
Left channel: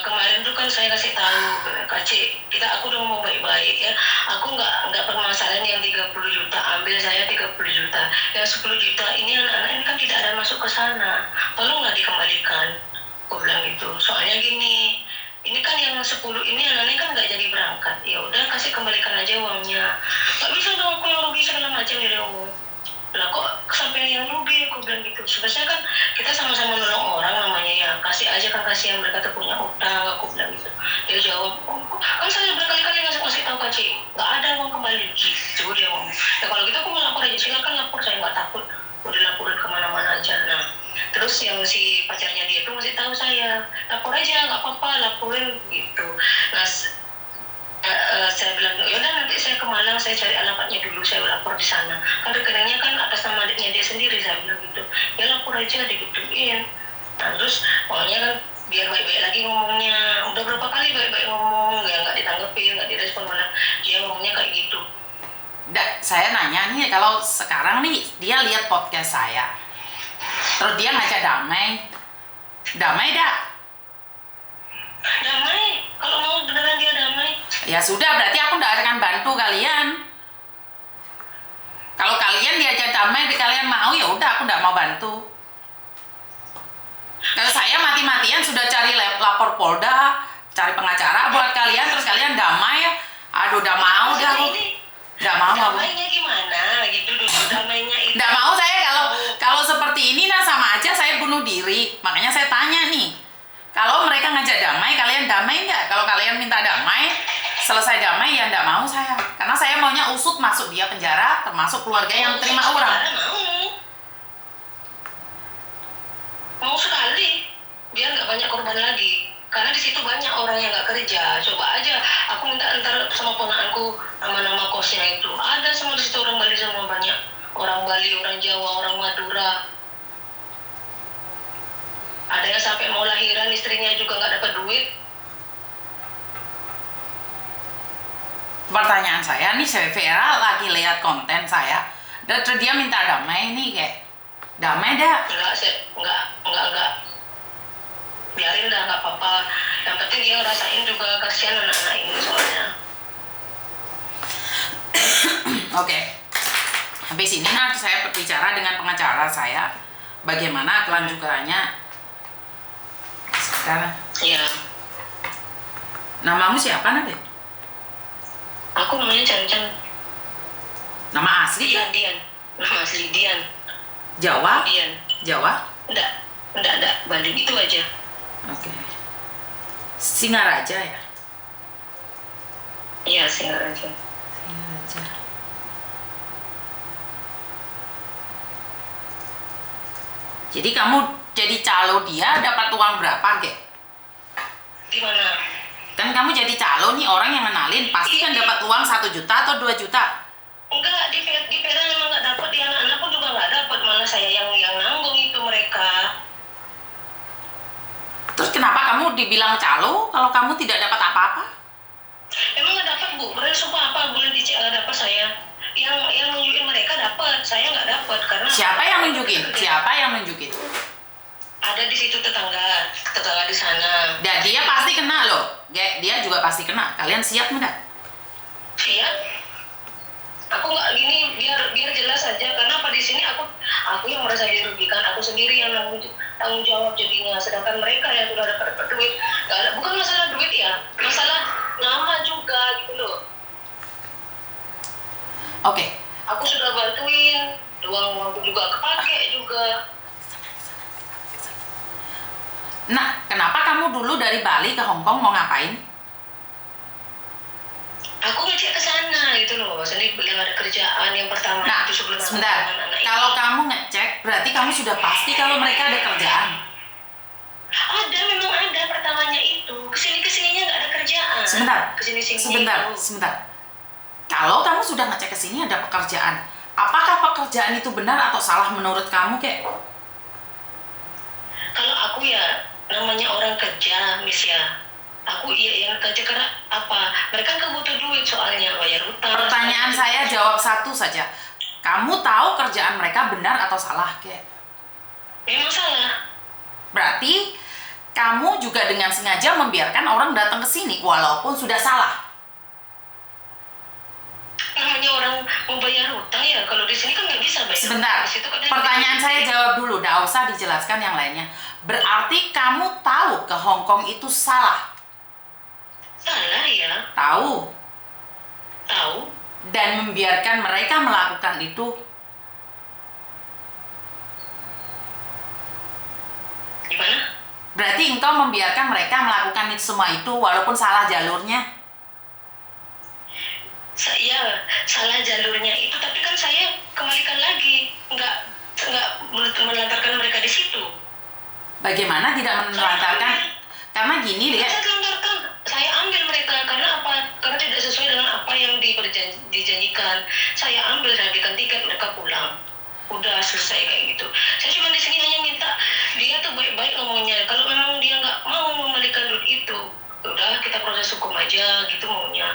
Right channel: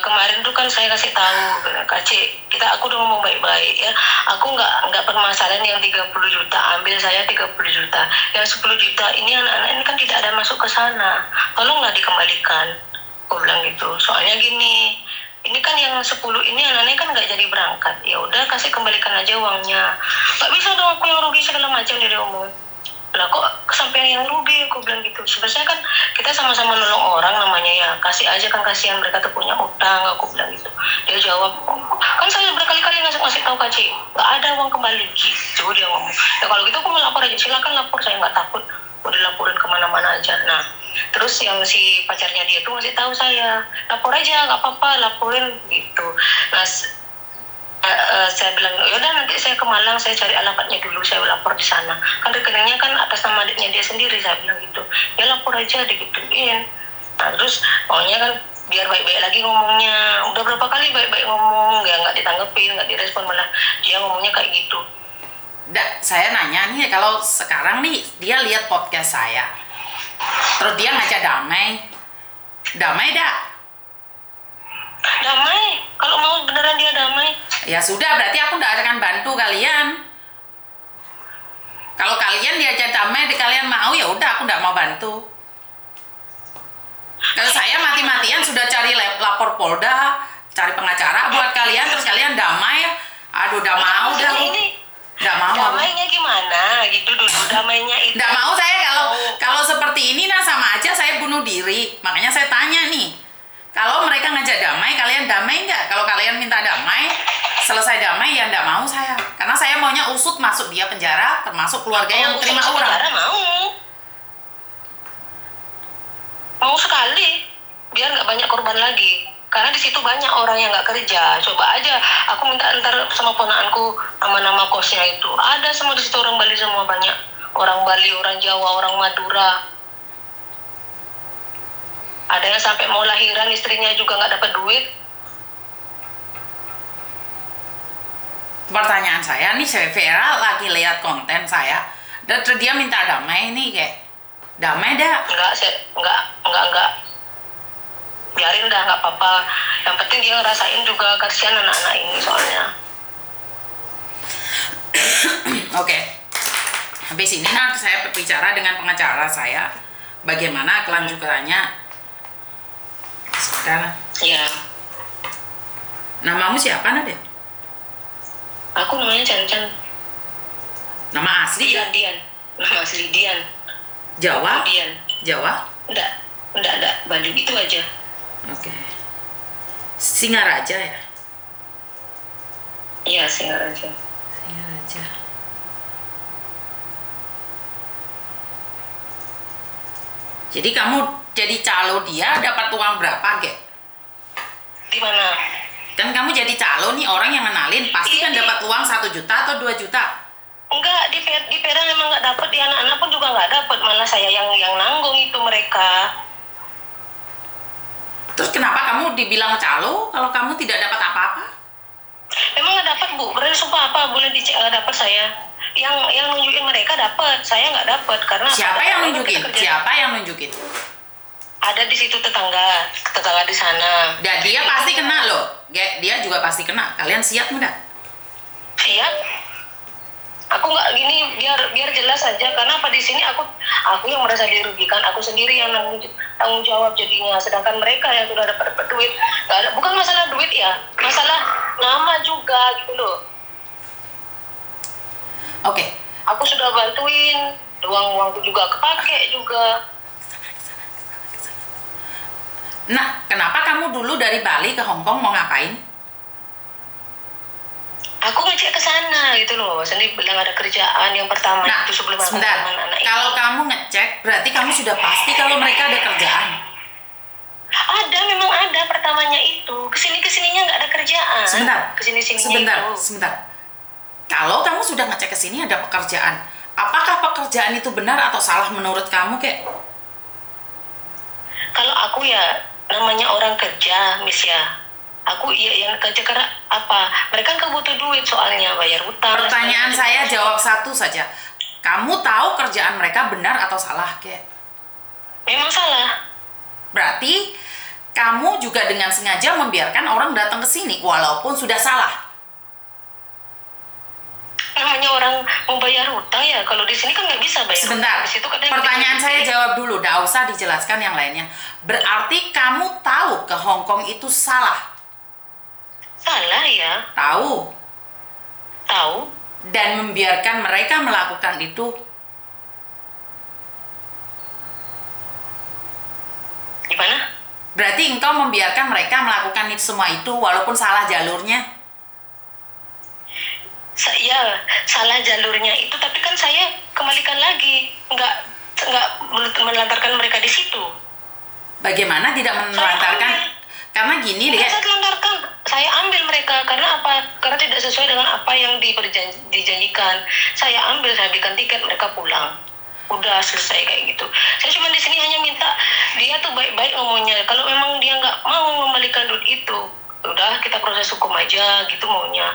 Kemarin tuh kan saya kasih tahu, Kak C, aku udah ngomong baik-baik ya. Aku nggak permasalahan yang 30 juta, ambil saya 30 juta. Yang 10 juta ini anak-anak ini kan tidak ada masuk ke sana. Tolonglah dikembalikan. Aku bilang gitu. Soalnya gini, ini kan yang 10 ini anaknya kan nggak jadi berangkat. Ya udah kasih kembalikan aja uangnya. Nggak bisa dong aku yang rugi segala macam dia omong. Lah kok sampai yang rugi, aku bilang gitu. Sebenarnya kan kita sama-sama nolong orang namanya ya, kasih aja kan, kasihan mereka tuh punya utang, aku bilang gitu. Dia jawab, kan saya berkali-kali ngasih tahu Kak C, nggak ada uang kembali gitu, dia ngomong. Ya kalau gitu aku mau lapor aja, silakan lapor, saya nggak takut, mau dilaporin kemana-mana aja. Nah terus yang si pacarnya dia tuh ngasih tahu saya, lapor aja nggak apa-apa, laporin gitu. Nah saya bilang, yaudah nanti saya ke Malang, saya cari alamatnya dulu, saya lapor di sana. Kan rekeningnya kan atas nama adiknya dia sendiri, saya bilang gitu. Ya lapor aja, digituin. Nah terus maunya kan biar baik-baik lagi ngomongnya. Udah berapa kali baik-baik ngomong, ya nggak ditanggepin, nggak direspon, malah dia ngomongnya kayak gitu. Saya nanya nih, kalau sekarang nih dia lihat podcast saya, terus dia ngajak damai dak? Damai, kalau mau beneran dia damai. Ya sudah, berarti aku nggak akan bantu kalian. Kalau kalian diajak damai, kalian mau, ya udah aku nggak mau bantu. Kalau saya mati-matian sudah cari lapor Polda, cari pengacara buat kalian, terus kalian damai, aduh udah mau dah aku. Nggak mau aku. Damainya gimana gitu dulu, damainya itu. Nggak mau saya kalau seperti ini nah sama aja saya bunuh diri. Makanya saya tanya nih, Kalau mereka ngajak damai, kalian damai nggak? Kalau kalian minta damai, selesai damai ya nggak mau saya. Karena saya maunya usut masuk dia penjara, termasuk keluarga yang terima orang. Mau sekali, biar nggak banyak korban lagi. Karena di situ banyak orang yang nggak kerja. Coba aja, aku minta ntar sama ponakanku nama-nama kosnya itu. Ada semua di situ orang Bali semua banyak. Orang Bali, orang Jawa, orang Madura. Ada yang sampai mau lahiran istrinya juga nggak dapat duit. Pertanyaan saya nih, saya Vera lagi lihat konten saya, dan dia minta damai nih kayak damai dah. Enggak. Biarin dah, nggak apa-apa. Yang penting dia ngerasain juga, kasihan anak-anak ini soalnya. Oke. Habis ini nanti saya berbicara dengan pengacara saya bagaimana kelanjutannya. Sekarang. Iya. Namamu siapa, Nadia? Aku namanya Chan. Nama asli? Dian. Nama asli Dian. Jawa? Dian. Jawa? Enggak. Bali itu aja. Oke. Singaraja ya? Iya, Singaraja. Singaraja. Jadi kamu jadi calo dia dapat uang berapa, Gek? Di mana? Kan kamu jadi calo nih, orang yang kenalin pasti kan dapat uang 1 juta atau 2 juta. Enggak, di Vera memang nggak dapat, di anak-anak pun juga nggak dapat, malah saya yang nanggung itu mereka. Terus kenapa kamu dibilang calo kalau kamu tidak dapat apa-apa? Emang nggak dapat, Bu? Beneran sumpah apa boleh dapat saya? Yang nunjukin mereka dapat, saya nggak dapat karena. Siapa yang nunjukin? Ada di situ tetangga di sana. Dan dia pasti kena loh, dia juga pasti kena. Kalian siap nggak? Siap. Aku nggak gini, biar jelas saja, karena apa di sini aku yang merasa dirugikan, aku sendiri yang tanggung jawab jadinya, sedangkan mereka yang sudah dapat duit, bukan masalah duit ya, masalah nama juga gitu loh. Oke. Aku sudah bantuin, uangku juga kepake juga. Nah, kenapa kamu dulu dari Bali ke Hong Kong mau ngapain? Aku ngecek ke sana gitu loh, sendiri bilang ada kerjaan yang pertama. Nah, itu sebelum sebentar. Kalau kamu ngecek, berarti kamu sudah pasti kalau mereka ada kerjaan. Ada, memang ada pertamanya itu. Kesininya nggak ada kerjaan. Sebentar. Kalau kamu sudah ngecek ke sini ada pekerjaan, apakah pekerjaan itu benar atau salah menurut kamu, Kek? Kalau aku ya namanya orang kerja, Miss ya. Aku iya yang kerja karena apa? Mereka kan butuh duit soalnya, bayar utang. Pertanyaan saya jawab satu saja. Kamu tahu kerjaan mereka benar atau salah, Kek? Memang salah. Berarti kamu juga dengan sengaja membiarkan orang datang ke sini walaupun sudah salah. Namanya orang mau bayar utang ya, kalau di sini kan nggak bisa bayar. Sebentar, pertanyaan saya jawab dulu, nggak usah dijelaskan yang lainnya. Berarti kamu tahu ke Hong Kong itu salah? Salah ya. Tahu. Dan membiarkan mereka melakukan itu. Gimana? Berarti engkau membiarkan mereka melakukan semua itu walaupun salah jalurnya? Ya, salah jalurnya itu, tapi kan saya kembalikan lagi, nggak melantarkan mereka di situ. Bagaimana tidak menelantarkan? Karena gini deh. Saya telantarkan, saya ambil mereka karena apa? Karena tidak sesuai dengan apa yang dijanjikan. Saya ambil, saya belikan tiket, mereka pulang. Udah selesai kayak gitu. Saya cuma di sini hanya minta dia tuh baik-baik ngomongnya. Kalau memang dia nggak mau mengembalikan duit itu, udah kita proses hukum aja gitu maunya.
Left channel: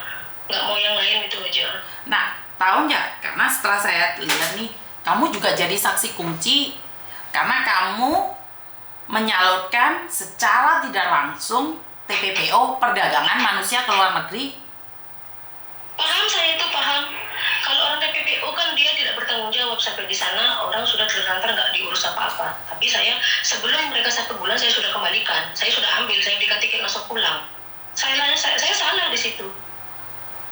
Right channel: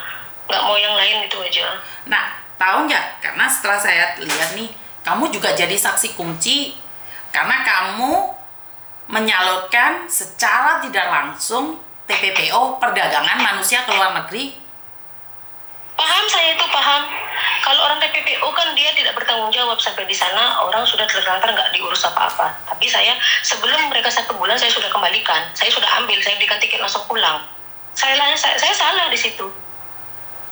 Nggak mau yang lain itu aja. Nah, tahu nggak? Karena setelah saya lihat nih, kamu juga jadi saksi kunci karena kamu menyalurkan secara tidak langsung TPPO perdagangan manusia ke luar negeri. Paham, saya itu paham. Kalau orang TPPO kan dia tidak bertanggung jawab sampai di sana, orang sudah terlantar nggak diurus apa-apa. Tapi saya sebelum mereka 1 bulan saya sudah kembalikan, saya sudah ambil, saya belikan tiket langsung pulang. Saya salah di situ.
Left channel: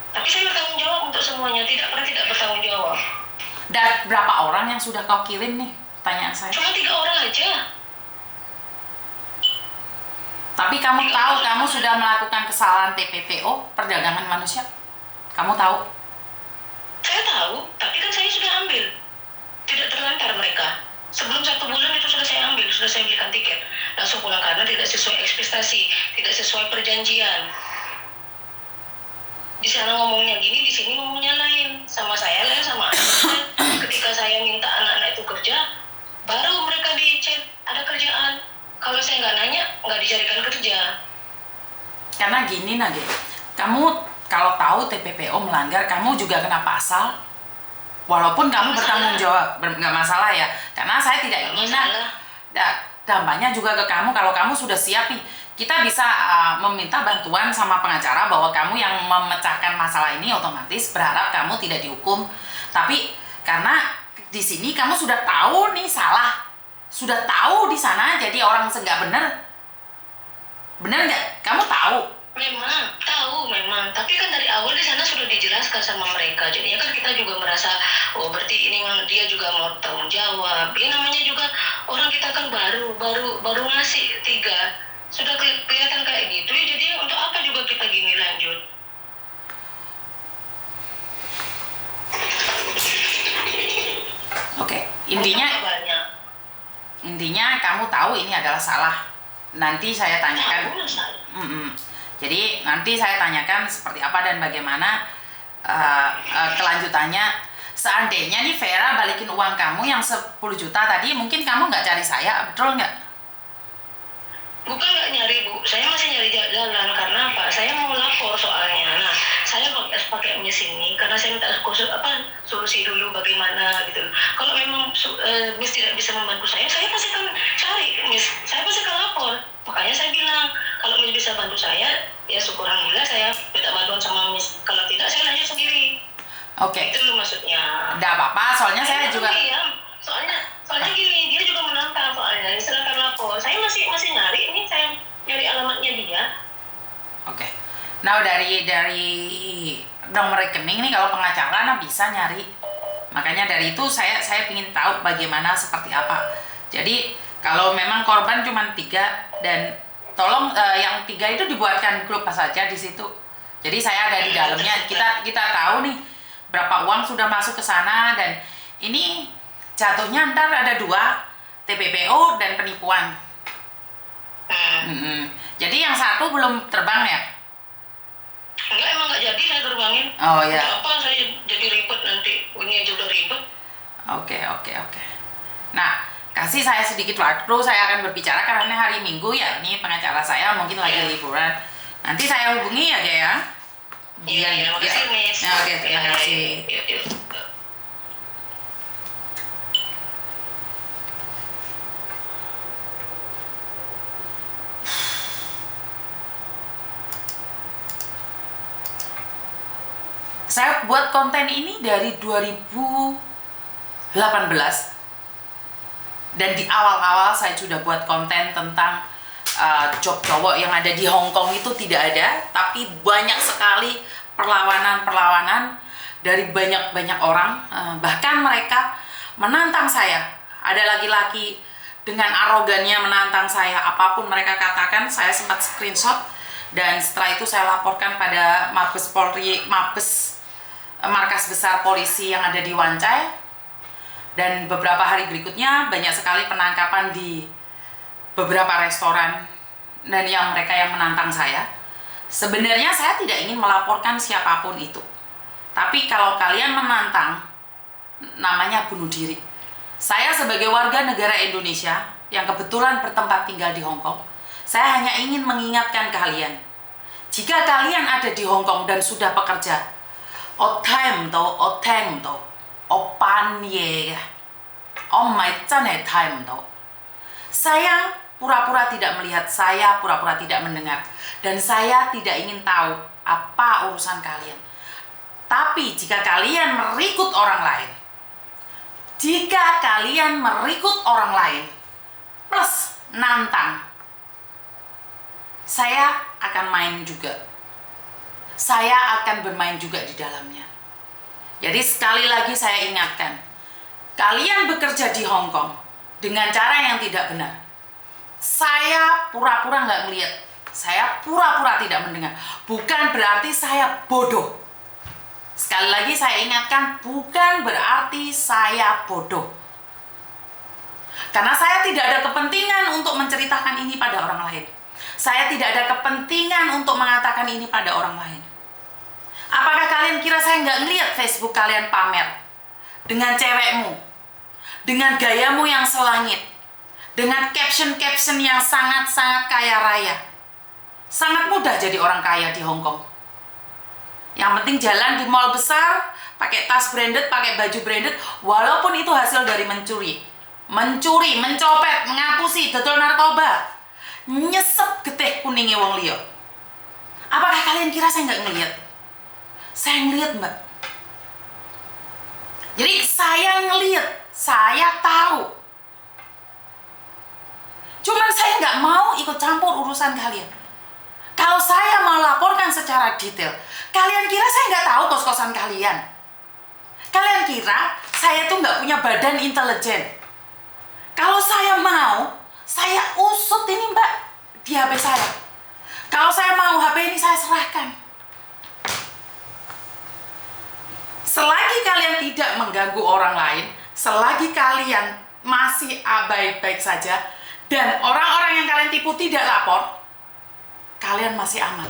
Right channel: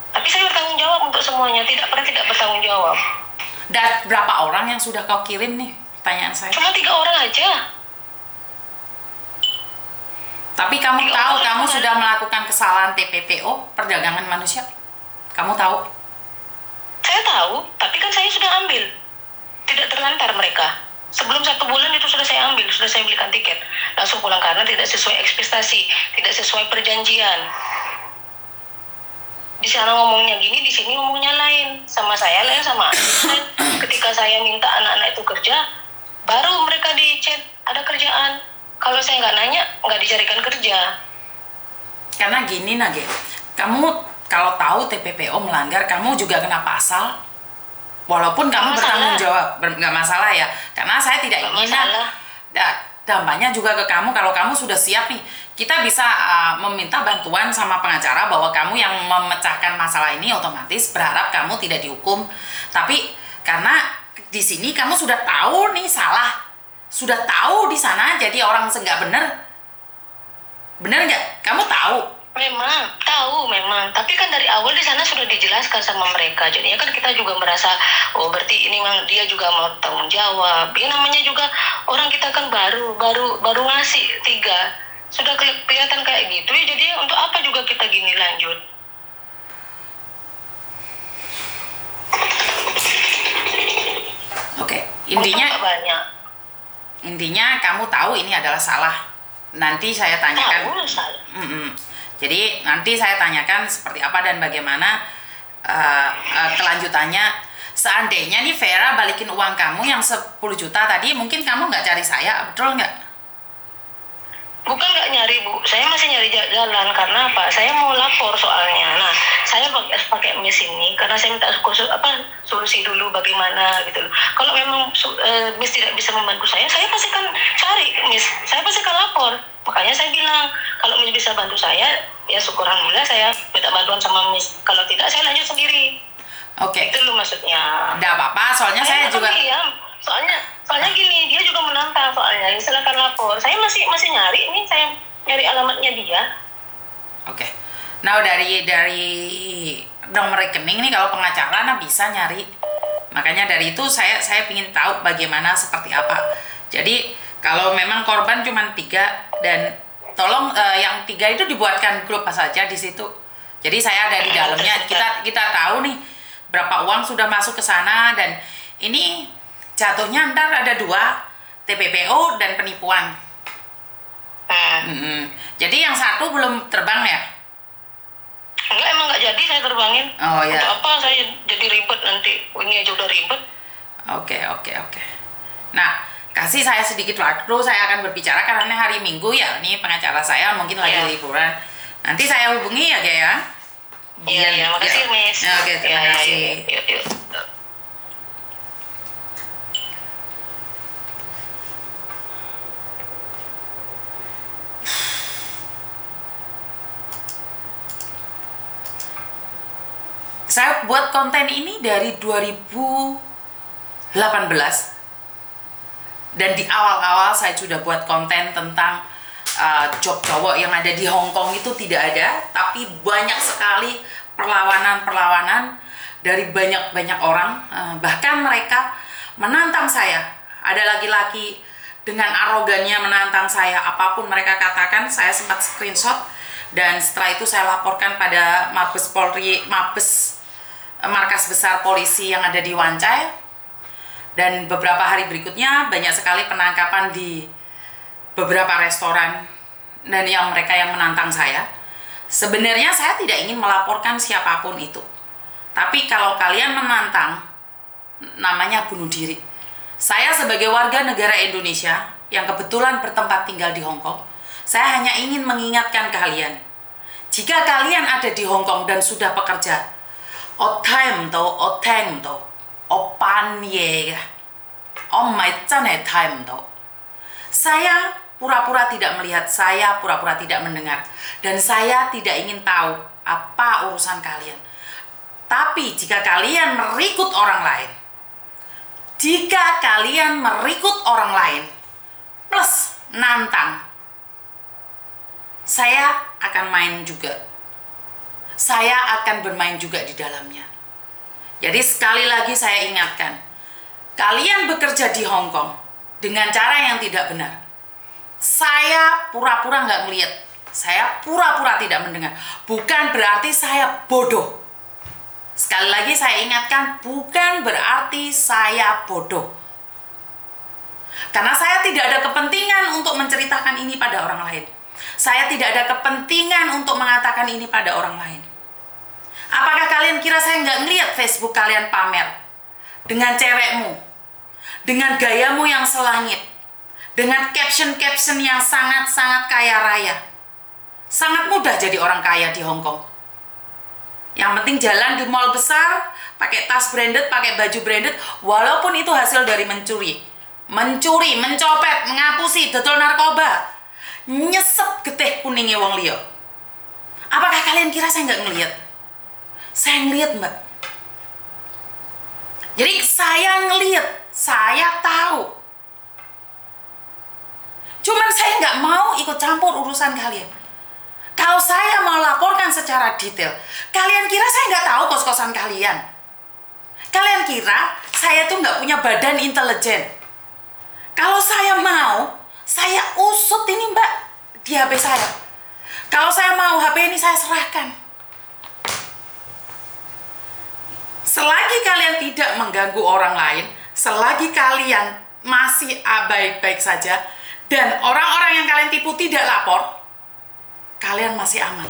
Tapi saya bertanggung jawab untuk semuanya, tidak bertanggung jawab. Dan berapa orang yang sudah kau kirim nih? Pertanyaan saya. Cuma 3 orang aja. Tapi kamu tahu kamu sudah melakukan kesalahan TPPO, perdagangan manusia? Kamu tahu? Saya tahu, tapi kan saya sudah ambil. Tidak terlantar mereka. Sebelum 1 bulan itu sudah saya ambil, sudah saya belikan tiket. Langsung pulang karena tidak sesuai ekspektasi, tidak sesuai perjanjian. Di sana ngomongnya gini, di sini ngomongnya lain. Sama saya lain, sama anak. Ketika saya minta anak-anak itu kerja, baru mereka di chat ada kerjaan. Kalau saya nggak nanya, nggak dicarikan kerja. Karena gini Nage, kamu kalau tahu TPPO melanggar, kamu juga kena pasal. Walaupun kamu bertanggung jawab, nggak masalah ya. Karena saya tidak ingin dampaknya juga ke kamu. Kalau kamu sudah siap nih, kita bisa meminta bantuan sama pengacara bahwa kamu yang memecahkan masalah ini, otomatis berharap kamu tidak dihukum. Tapi karena di sini kamu sudah tahu nih salah, sudah tahu di sana jadi orang nggak bener nggak? Kamu tahu? Memang tahu memang, tapi kan dari awal di sana sudah dijelaskan sama mereka. Jadinya kan kita juga merasa, oh berarti ini dia juga mau tanggung jawab. Ya namanya juga orang kita kan baru ngasih 3, sudah kelihatan kayak gitu ya. Jadi untuk apa juga kita gini lanjut? Oke, intinya kamu tahu ini adalah salah. Nanti saya tanyakan. Jadi nanti saya tanyakan seperti apa dan bagaimana kelanjutannya. Seandainya nih Vera balikin uang kamu yang 10 juta tadi, mungkin kamu nggak cari saya, betul nggak? Bukan nggak nyari Bu, saya masih nyari jalan. Karena apa? Saya mau lapor soalnya. Nah, saya pakai mis ini karena saya minta solusi dulu bagaimana gitu. Kalau memang mis tidak bisa membantu saya pasti kan cari mis. Saya pasti kan lapor. Makanya saya bilang kalau mis bisa bantu saya, ya syukur alhamdulillah saya minta bantuan sama mis. Kalau tidak saya lanjut sendiri. Oke. Itu loh maksudnya. Nggak apa-apa, soalnya saya juga. Soalnya gini, dia juga menantang soalnya. Silakan lapor. Saya masih nyari ini, saya nyari alamatnya dia. Oke. Nah dari nomor rekening nih kalau pengacara nah bisa nyari. Makanya dari itu saya ingin tahu bagaimana seperti apa. Jadi kalau memang korban cuma 3 dan tolong yang 3 itu dibuatkan grup saja di situ. Jadi saya ada di dalamnya. Kita tahu nih berapa uang sudah masuk ke sana dan ini jatuhnya ntar ada 2 TPPO dan penipuan. Jadi yang 1 belum terbang ya? Enggak, emang nggak jadi saya terbangin. Oh ya. Untuk apa saya jadi ribet nanti? Ini aja udah ribet. Oke. Nah, kasih saya sedikit waktu, saya akan berbicara karena hari Minggu ya. Ini pengacara saya mungkin lagi liburan. Nanti saya hubungi ya, Gaya. Iya, makasih, Miss. Oke, terima kasih. Yuk. Saya buat konten ini dari 2018 dan di awal-awal saya sudah buat konten tentang job cowok yang ada di Hong Kong itu tidak ada, tapi banyak sekali perlawanan dari banyak orang, bahkan mereka menantang saya. Ada laki-laki dengan arogannya menantang saya, apapun mereka katakan saya sempat screenshot dan setelah itu saya laporkan pada Mabes Polri, markas besar polisi yang ada di Wancai. Dan beberapa hari berikutnya banyak sekali penangkapan di beberapa restoran dan mereka yang menantang saya. Sebenarnya saya tidak ingin melaporkan siapapun itu, tapi kalau kalian menantang, namanya bunuh diri. Saya sebagai warga negara Indonesia yang kebetulan bertempat tinggal di Hong Kong, saya hanya ingin mengingatkan kalian, jika kalian ada di Hong Kong dan sudah bekerja, time to, opan ye, time to. Saya pura-pura tidak melihat, saya pura-pura tidak mendengar, dan saya tidak ingin tahu apa urusan kalian. Tapi jika kalian merikut orang lain, plus nantang, saya akan main juga. Saya akan bermain juga di dalamnya. Jadi sekali lagi saya ingatkan, kalian bekerja di Hong Kong dengan cara yang tidak benar. Saya pura-pura nggak ngeliat, Saya pura-pura tidak mendengar. Bukan berarti saya bodoh. Sekali lagi saya ingatkan, bukan berarti saya bodoh. Karena saya tidak ada kepentingan untuk menceritakan ini pada orang lain. Saya tidak ada kepentingan untuk mengatakan ini pada orang lain. Apakah kalian kira saya nggak ngeliat Facebook kalian pamer? Dengan cewekmu, dengan gayamu yang selangit, dengan caption-caption yang sangat-sangat kaya raya. Sangat mudah jadi orang kaya di Hong Kong. Yang penting jalan di mall besar, pakai tas branded, pakai baju branded, walaupun itu hasil dari mencuri, mencopet, mengapusi, dodol narkoba, nyesep getih kuningnya wong liya. Apakah kalian kira saya nggak ngelihat? Saya ngelihat, Mbak. Jadi saya ngelihat, saya tahu. Cuman saya nggak mau ikut campur urusan kalian. Kalau saya mau laporkan secara detail, kalian kira saya nggak tahu kos-kosan kalian? Kalian kira saya tuh nggak punya badan intelijen? Kalau saya mau, saya usut ini Mbak di HP saya. Kalau saya mau, HP ini saya serahkan. Selagi kalian tidak mengganggu orang lain, selagi kalian masih baik-baik saja, dan orang-orang yang kalian tipu tidak lapor, kalian masih aman.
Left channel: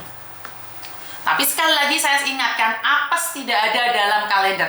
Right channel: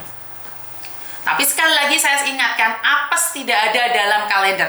Tapi sekali lagi saya ingatkan, apes tidak ada dalam kalender.